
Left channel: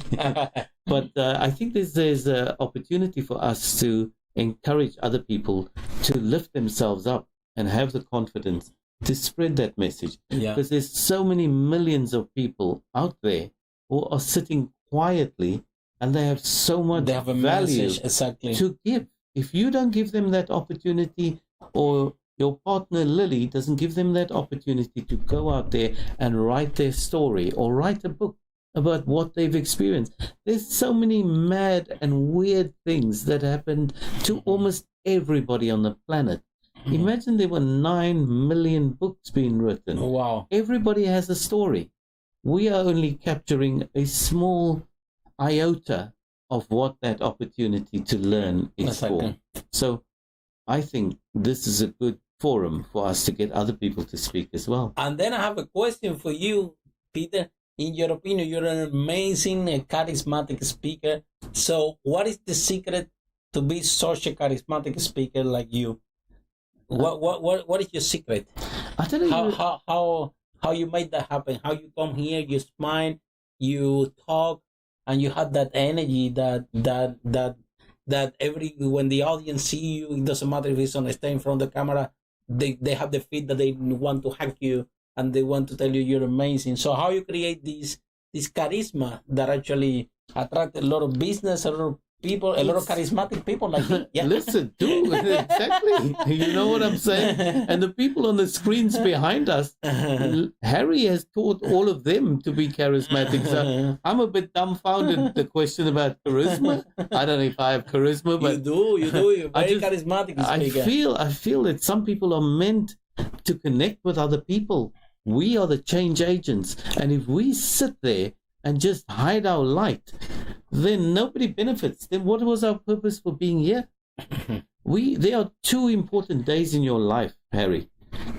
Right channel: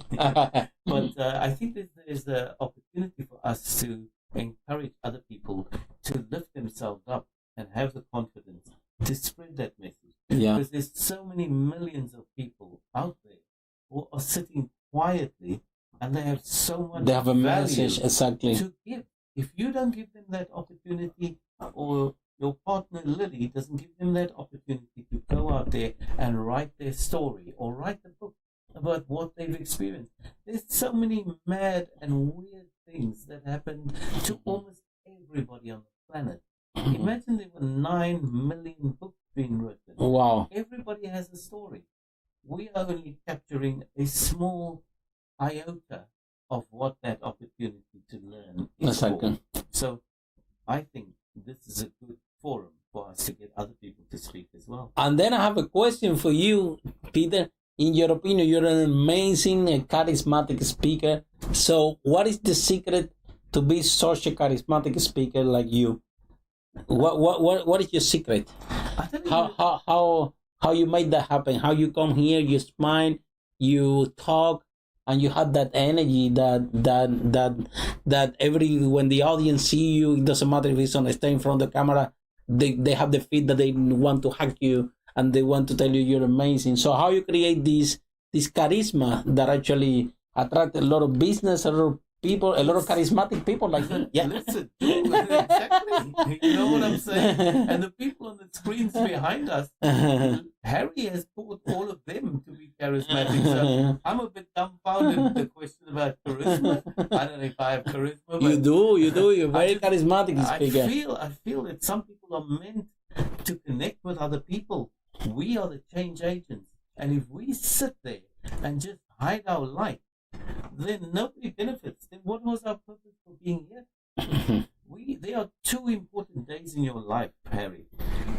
But I think there's an opportunity for us to encourage other people to lift themselves up and have the confidence to spread that message. Because there's so many millions of people out there who are sitting quietly and they have so much value to give. If you don't give them that opportunity, or your partner Lily doesn't give them that opportunity to go out there and write their story or write a book about what they've experienced. There's so many mad and weird things that happened to almost everybody on the planet. Imagine there were 9 million books being written. Wow. Everybody has a story. We are only capturing a small iota of what that opportunity to learn is for. So I think this is a good forum for us to get other people to speak as well. And then I have a question for you, Peter. In your opinion, you're an amazing, charismatic speaker. So what is the secret to be such a charismatic speaker like you? What is your secret? I tell you how you made that happen? How you come here, you smile, you talk, and you have that energy that when the audience see you, it doesn't matter if it's on a stand in front of the camera, they have the feel that they want to hug you and they want to tell you you're amazing. So how you create this charisma that actually attract a lot of business, a lot of people, a lot of charismatic people like you. Listen, do exactly. You know what I'm saying? And the people on the screens behind us, Harry has taught all of them to be charismatic. So I'm a bit dumbfounded. The question about charisma. I don't know if I have charisma, but you do. You're very charismatic speaker. I feel that some people are meant to connect with other people. We are the change agents. And if we sit there and just hide our light, then nobody benefits. Then what was our purpose for being here? There are two important days in your life, Harry.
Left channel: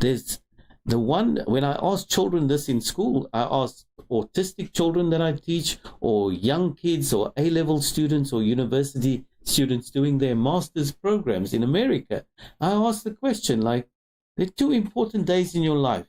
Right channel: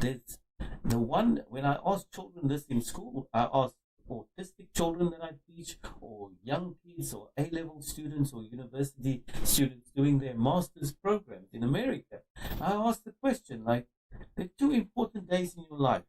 There's the one, when I ask children this in school, I ask autistic children that I teach, or young kids, or A-level students, or university students doing their master's programs in America. I ask the question, like, there are two important days in your life.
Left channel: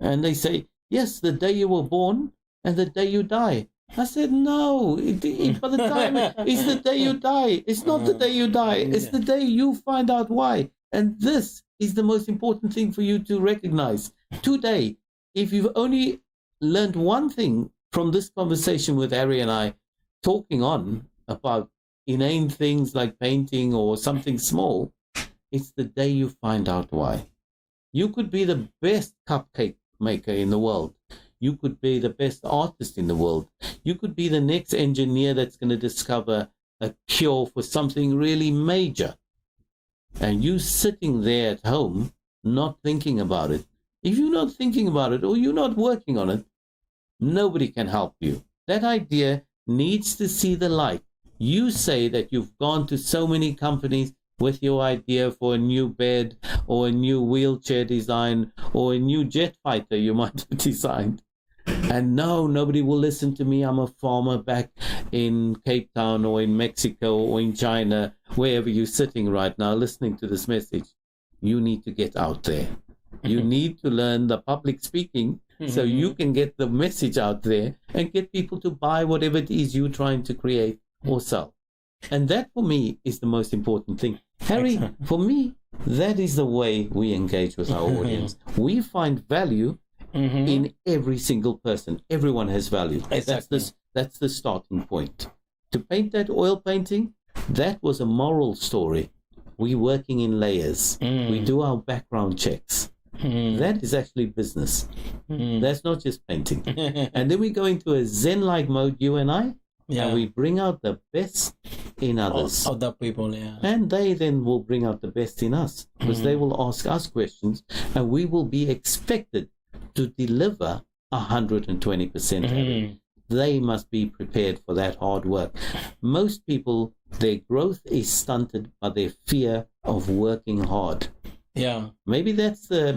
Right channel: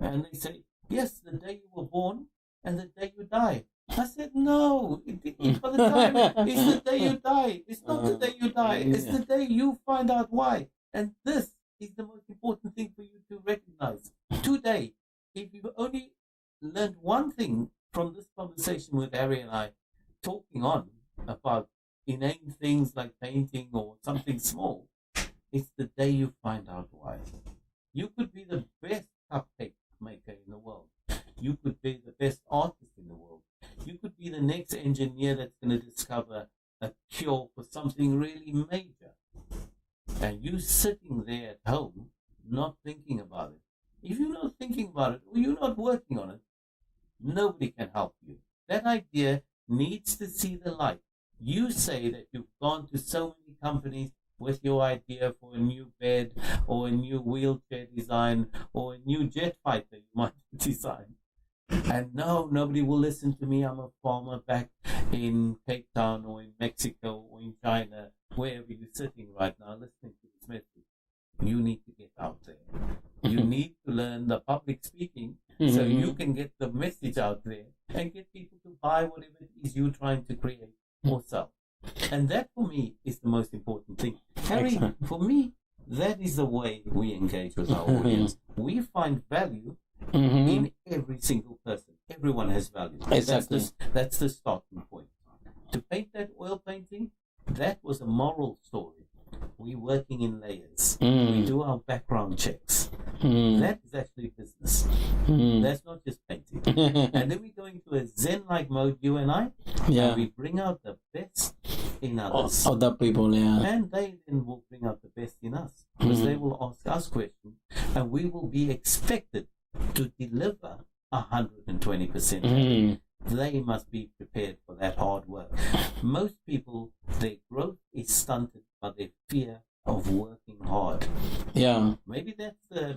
And they say, yes, the day you were born and the day you die. I said, no, by the time it's the day you die. It's not the day you die. It's the day you find out why. And this is the most important thing for you to recognize. Today, if you've only learned one thing from this conversation with Harry and I, talking on about inane things like painting or something small, it's the day you find out why. You could be the best cupcake maker in the world. You could be the best artist in the world. You could be the next engineer that's going to discover a cure for something really major. And you sitting there at home, not thinking about it. If you're not thinking about it or you're not working on it, nobody can help you. That idea needs to see the light. You say that you've gone to so many companies with your idea for a new bed or a new wheelchair design or a new jet fighter you might have designed. And no, nobody will listen to me. I'm a farmer back in Cape Town or in Mexico or in China, wherever you're sitting right now listening to this message. You need to get out there. You need to learn the public speaking so you can get the message out there and get people to buy whatever it is you're trying to create or sell. And that, for me, is the most important thing. Harry, for me, that is the way we engage with our audience. We find value in every single person. Everyone has value. Exactly. That's the starting point. To paint that oil painting, that was a moral story. We're working in layers. We do our background checks. That is actually business. That's not just painting. And then we go into a Zen-like mode, you and I, and we bring out the best in others. Other people, And they then will bring out the best in us, because they will ask us questions, and we will be expected to deliver 120%. They must be prepared for that hard work. Most people, their growth is stunted by their fear of working hard. Maybe that's the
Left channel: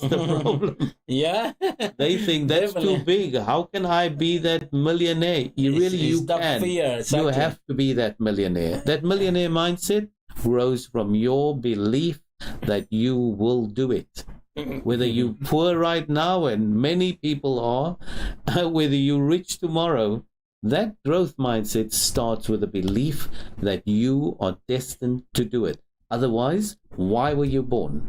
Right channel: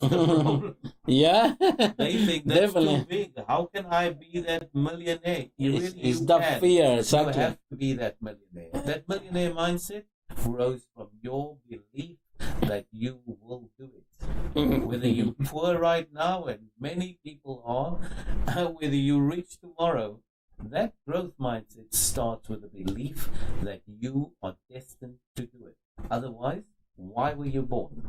problem. They think that's too big. How can I be that millionaire? You can. Fear, exactly. You have to be that millionaire. That millionaire mindset grows from your belief that you will do it. Whether you're poor right now, and many people are, whether you're rich tomorrow, that growth mindset starts with a belief that you are destined to do it. Otherwise, why were you born?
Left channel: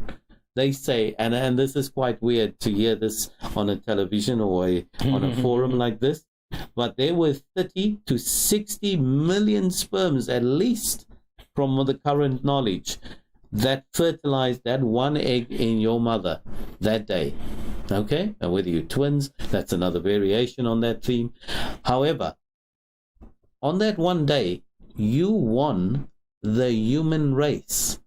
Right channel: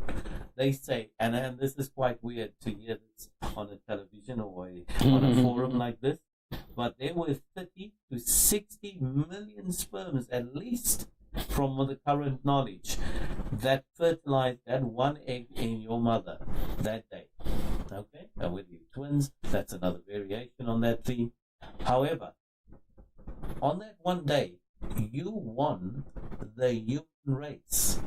They say, and this is quite weird to hear this on a television or on a forum like this, but there were 30 to 60 million sperms at least, from the current knowledge, that fertilized that one egg in your mother that day. Okay? And whether you're twins, that's another variation on that theme. However, on that one day, you won the human race.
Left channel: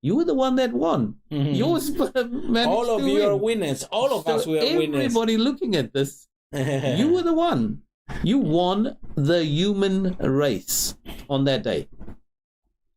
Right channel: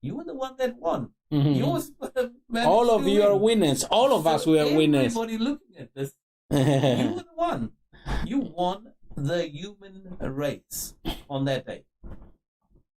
You were the one that won. Your sperm managed all of to you win. are winners. All of us were winners. Everybody looking at this, you were the one. You won the human race on that day.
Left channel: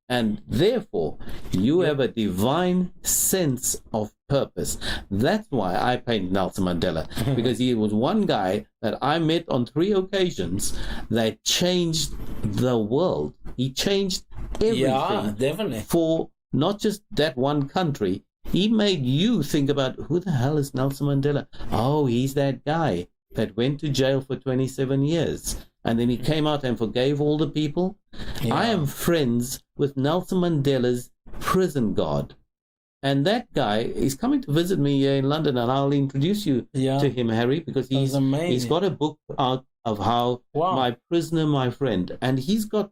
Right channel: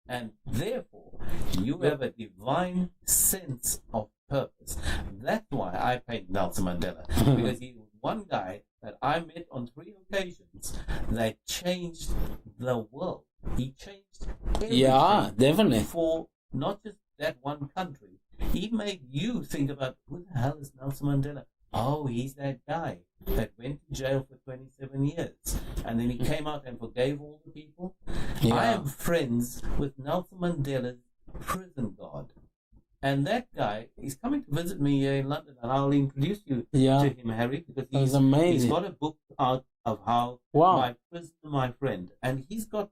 And therefore, you have a divine sense of purpose. That's why I paint Nelson Mandela, because he was one guy that I met on 3 occasions that changed the world. He changed everything. Definitely. For not just that one country. He made you think about, who the hell is Nelson Mandela? Oh, he's that guy that went to jail for 27 years. And then he came out and forgave all the people. I am friends with Nelson Mandela's prison guard. And that guy is coming to visit me here in London, and I'll introduce you to him, Harry, because he's got a book out of how My Prisoner, My Friend. And he's got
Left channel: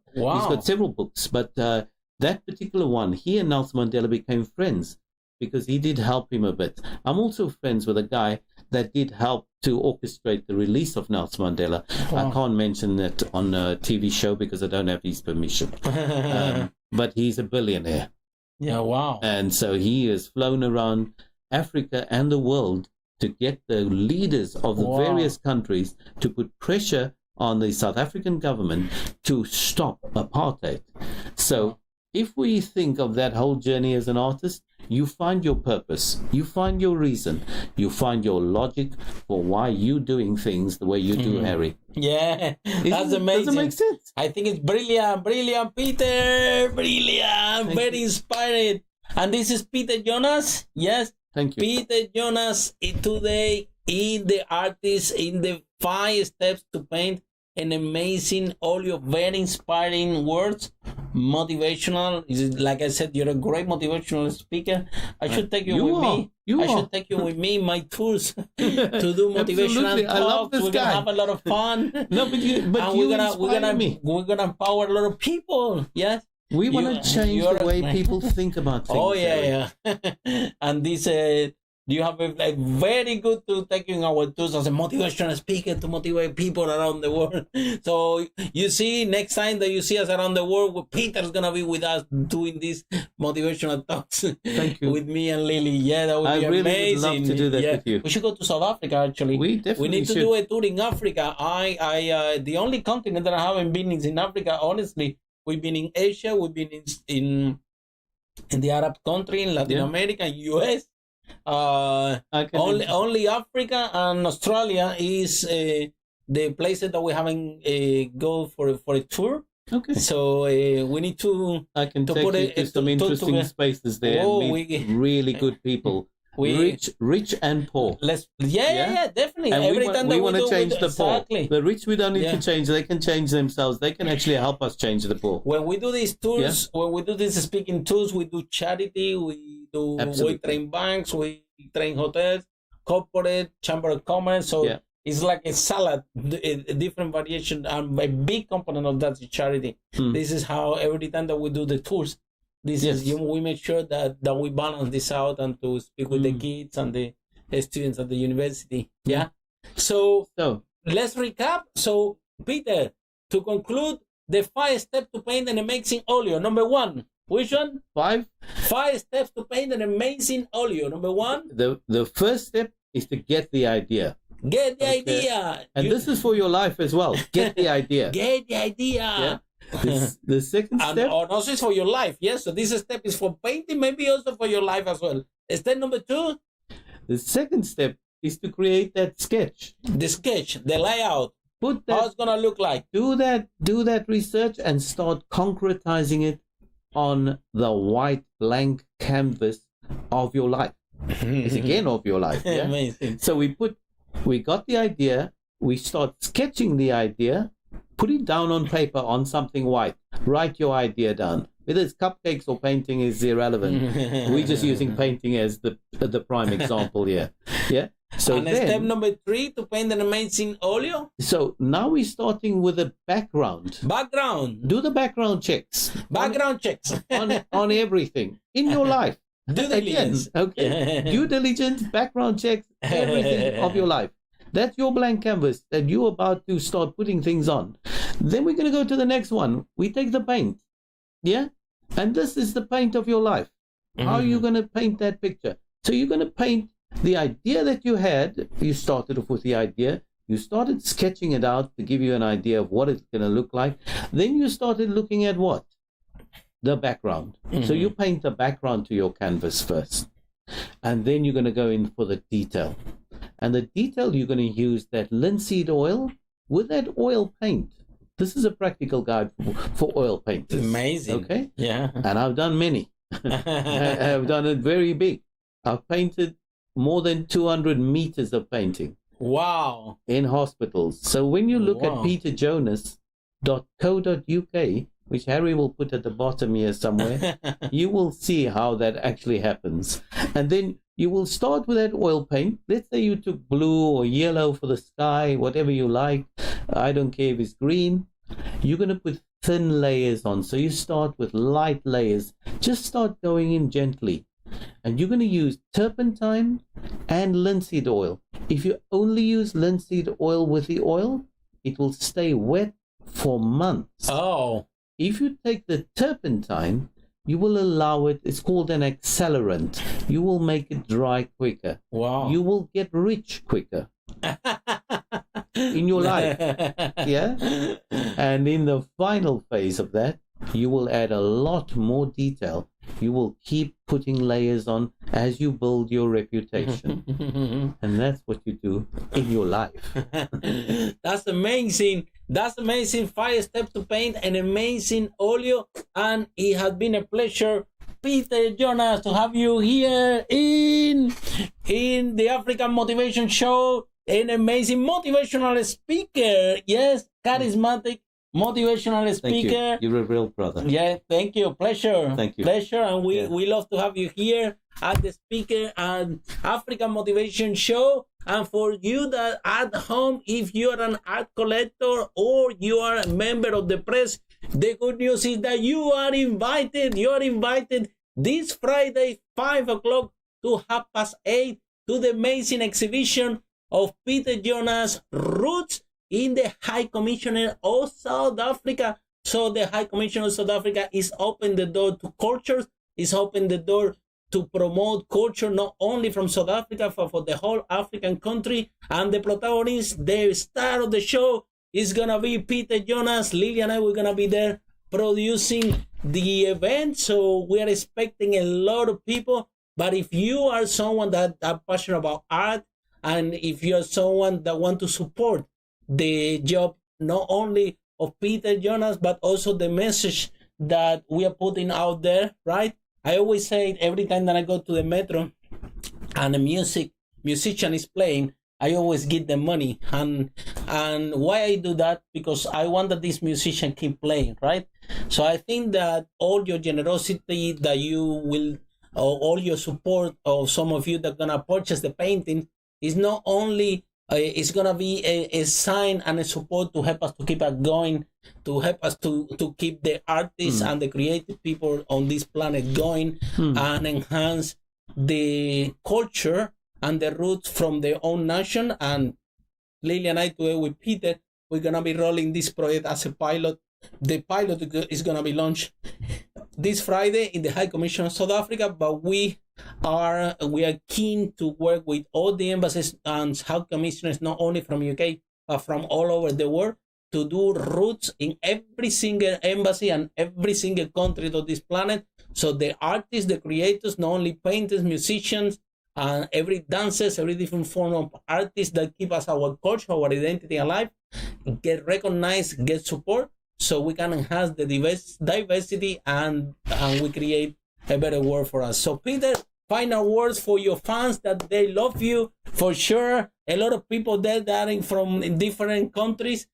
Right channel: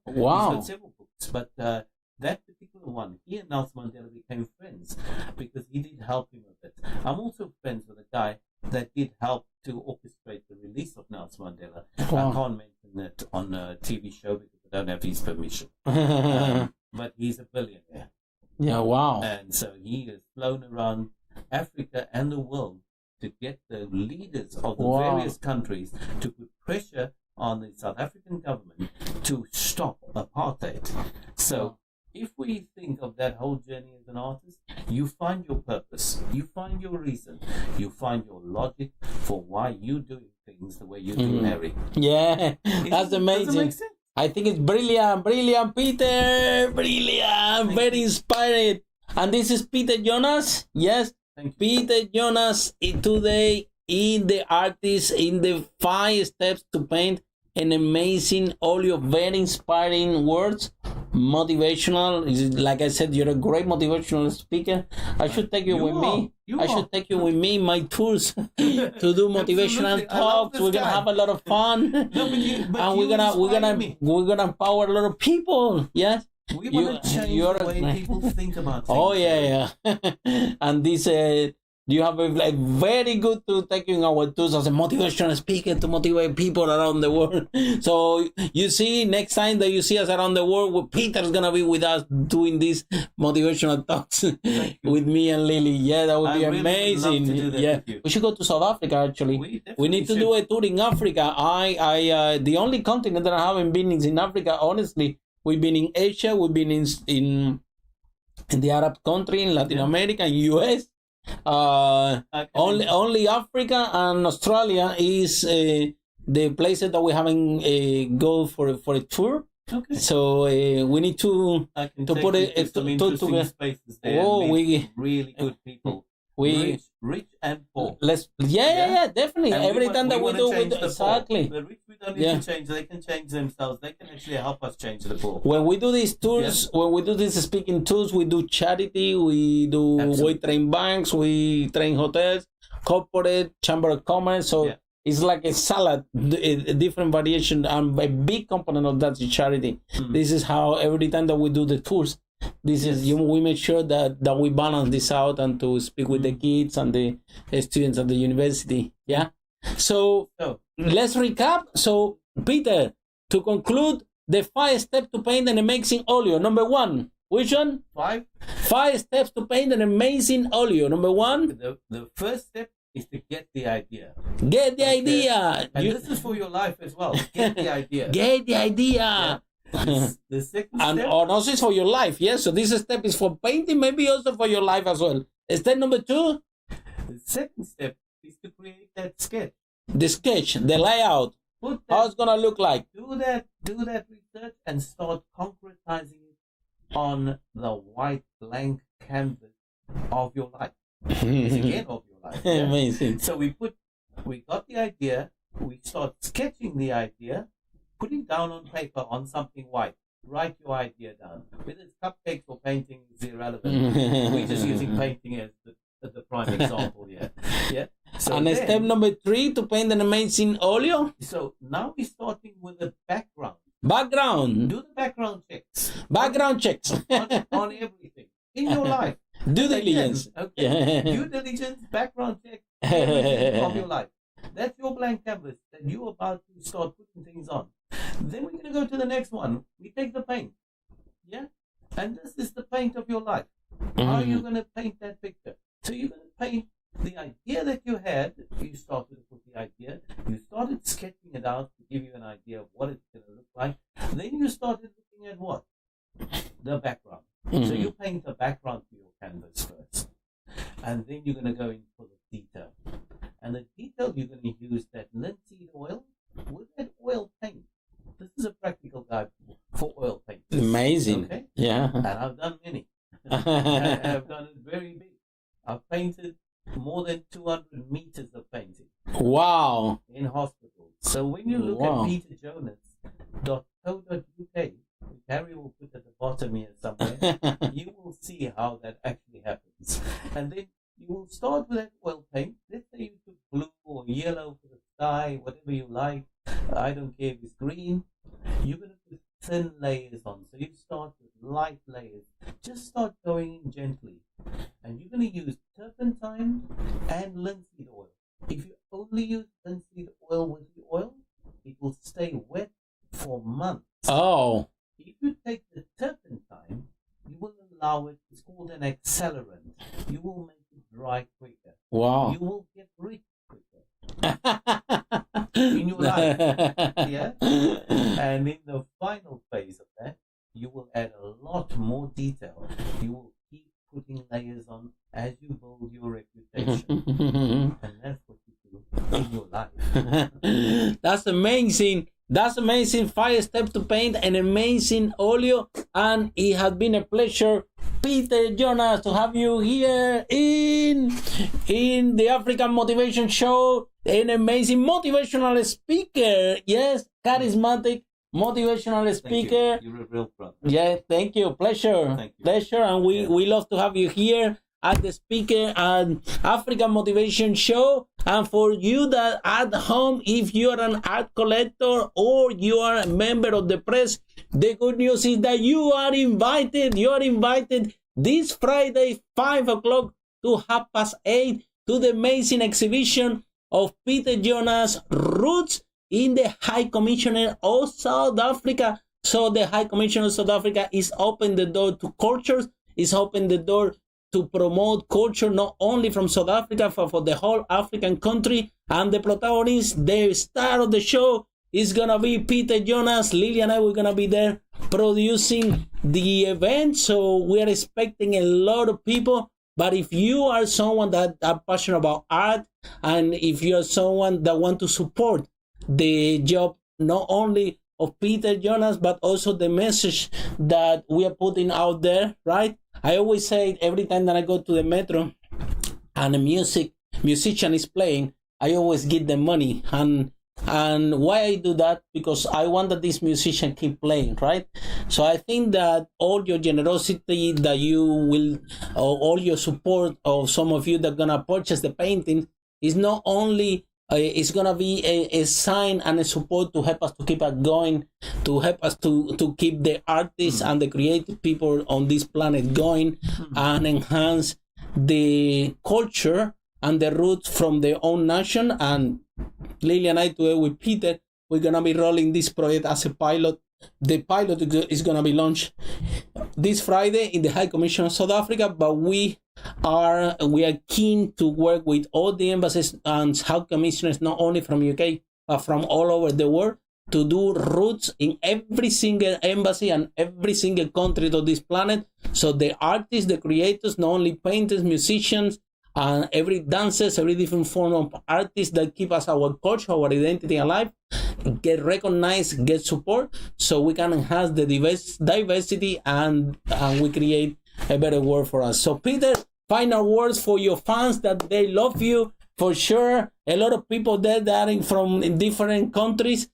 several books, but that particular one, he and Nelson Mandela became friends because he did help him a bit. I'm also friends with a guy that did help to orchestrate the release of Nelson Mandela. I can't mention it on a TV show because I don't have his permission. But he's a billionaire. Yeah, wow. And so he has flown around Africa and the world to get the leaders of the various countries to put pressure on the South African government to stop apartheid. So if we think of that whole journey as an artist, you find your purpose, you find your reason, you find your logic for why you're doing things the way you do, Harry. Yeah, that's amazing. Does it make sense? I think it's brilliant, Peter, brilliant, very inspiring. And this is Peter Jonas, yes? Thank you. Peter Jonas today in the artist, in the 5 steps to paint an amazing Oleo, very inspiring words, motivational. Like I said, you're a great motivational speaker. I should take you with me. I should take you with me in my tours to do motivational talks. We're gonna have a lot of fun. No, but and we're gonna empower a lot of people. Yes. We want to change the way people think about things. Oh, yeah. And this, you have a very good to taking our tools as a motivational speaker to motivate people around the world. So you see, next time that you see us around the world, Peter's going to be with us doing these motivational talks. Thank you. With me and Lily. Yeah, that would be really amazing. Would love to do that with you. We should go to South Africa, actually. We need to do a tour in Africa. The only continent that I haven't been is in Africa, honestly. We've been in Asia, we've been in the Arab country, in Latin America, in US. Only Africa and Australia is the places that we haven't go for a tour. Okay. So we need to put some interesting spaces there. And meet really good people. Rich and poor. Definitely. And every time that we do change the exactly. Poor. The rich we don't need to change. They can change themselves. They can actually help us change the poor. When we do these tours, when we do these speaking tours, we do charity. We train banks. We train hotels, corporate, chamber of commerce. So it's like a salad, a different variation, and a big component of that is charity. This is how every time that we do the tours. We make sure that we balance this out and to speak with the kids and the students at the university. Yeah. So let's recap. So Peter, to conclude, the 5 steps to paint an amazing Oleo. Number 1, which one? 5 steps to paint an amazing Oleo. Number 1. The first step is to get the idea. Get the idea. And this is for your life as well. Get the idea. Get the idea. Yeah. The second step, and also for your life, yes. So this step is for painting, maybe also for your life as well. Step number 2. The second step is to create that sketch. The sketch, the layout. How it's gonna look like. Do that research and start concretizing it on the white blank canvas of your life. It's again of your life. Yeah? Amazing. So we got the idea. We start sketching the idea. Put it down on paper on something white. Write your idea down. Whether it's cupcakes or painting is irrelevant. We're just using painting as the prime example here. Yeah. So and step number 3 to paint an amazing Oleo. So now we're starting with a background. Do the background checks. Checks on everything in your life. Due diligence. Okay. Due diligence, background checks, everything of your life. That's your blank canvas that you're about to start putting things on. Then we're going to go to the next one. We take the paint. Yeah? And this is the paint of your life. How are you going to paint that picture? So you're going to paint the idea that you had. You started off with the idea. You started sketching it out to give you an idea of what it's going to look like. Then you started looking at what? The background. So you paint the background to your canvas first. And then you're going to go in for the detail. And the detail, you're going to use that linseed oil with that oil paint. This is a practical guide for oil paint. Amazing. Okay? Yeah. And I've done many. I've done it very big. I've painted more than 200 meters of painting. Wow. In hospitals. So when you look at peterjonas.co.uk, which Harry will put at the bottom here somewhere, you will see how that actually happens. And then you will start with that oil paint. Let's say you took blue or yellow for the sky, whatever you like. I don't care if it's green. You're going to put thin layers on. So you start with light layers. Just start going in gently. And you're going to use turpentine and linseed oil. If you only use linseed oil with the oil, it will stay wet for months. Oh. If you take the turpentine, you will allow it. It's called an accelerant. You will make it dry quicker. Wow. You will get rich quicker in your life. Yeah. And in the final phase of that, you will add a lot more detail. You will keep putting layers on as you build your reputation. And that's what you do in your life. That's amazing. That's amazing. 5 steps to paint, an amazing Oleo. And it has been a pleasure, Peter Jonas, to have you here in the African Motivation Show. An amazing motivational speaker. Yes, charismatic motivational speaker. Thank you. You're a real brother. Yeah, thank you. Pleasure. Thank you. Pleasure. And we love to have you here at the Speaker and African Motivation Show. And for you that at home, if you are an art collector or you are a member of the press, the good news is that you are invited. You are invited this Friday, 5 o'clock to 8:30 to the amazing exhibition of Peter Jonas' Roots in the High Commissioner of South Africa. So the High Commissioner of South Africa is open the door to cultures, is open the door to promote culture not only from South Africa, but for the whole African country. And the protagonist, the star of the show, is gonna be Peter Jonas. Lily and I, we're gonna be there producing the event. So we are expecting a lot of people. But if you are someone that are passionate about art, and if you are someone that want to support the job not only of Peter Jonas, but also the message that we are putting out there, right? I always say every time that I go to the metro and a musician is playing, I always give them money. And why I do that? Because I want that this musician keep playing, right? So I think that all your generosity that you will, or all your support of some of you that are gonna purchase the painting is not only it's gonna be a sign and a support to help us to keep it going, to help us to keep the artists and the creative people on this planet going, and enhance the culture and the roots from their own nation. And Lily and I, together with Peter, we're gonna be rolling this project as a pilot. The pilot is gonna be launched this Friday in the High Commission of South Africa, but we are keen to work with all the embassies and High Commissioners, not only from UK, but from all over the world, to do roots in every single embassy and every single country of this planet. So the artists, the creators, not only painters, musicians, and every dancers, every different form of artists that keep us our culture, our identity alive, get recognized, get support, so we can enhance the diversity and we create a better world for us. So Peter, final words for your fans that they love you for sure. A lot of people there that are from different countries,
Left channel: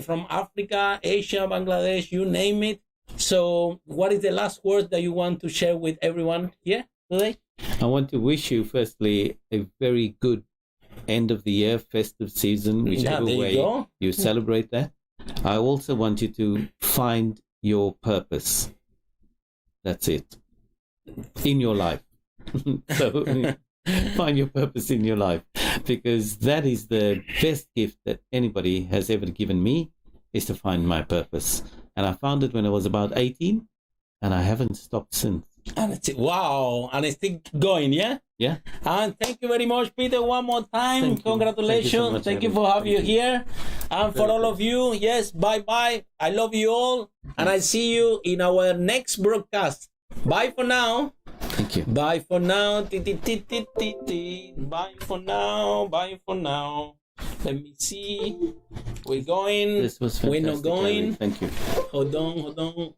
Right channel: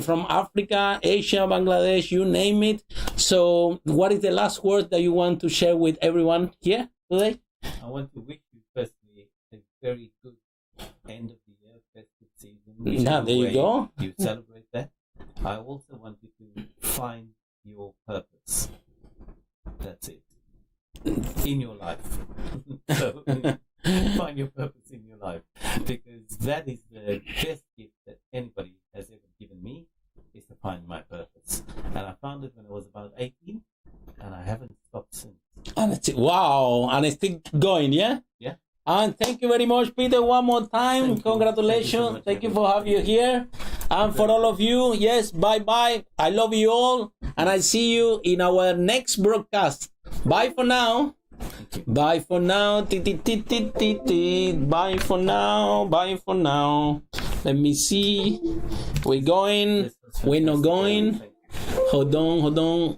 from Africa, Asia, Bangladesh, you name it. So what is the last word that you want to share with everyone here today? I want to wish you, firstly, a very good end of the year, festive season, whichever way you celebrate that. I also want you to find your purpose. That's it. In your life. So find your purpose in your life, because that is the best gift that anybody has ever given me, is to find my purpose. And I found it when I was about 18, and I haven't stopped since. And it's wow, and it's still going, yeah? Yeah. And thank you very much, Peter, one more time. Congratulations. Thank you for having you here. And for all of you, yes, bye-bye. I love you all. And I see you in our next broadcast. Bye for now. Thank you. Bye for now. Bye for now. Bye for now. Let me see. We're going. This was We're not fantastic, going. Thank you. Hold on.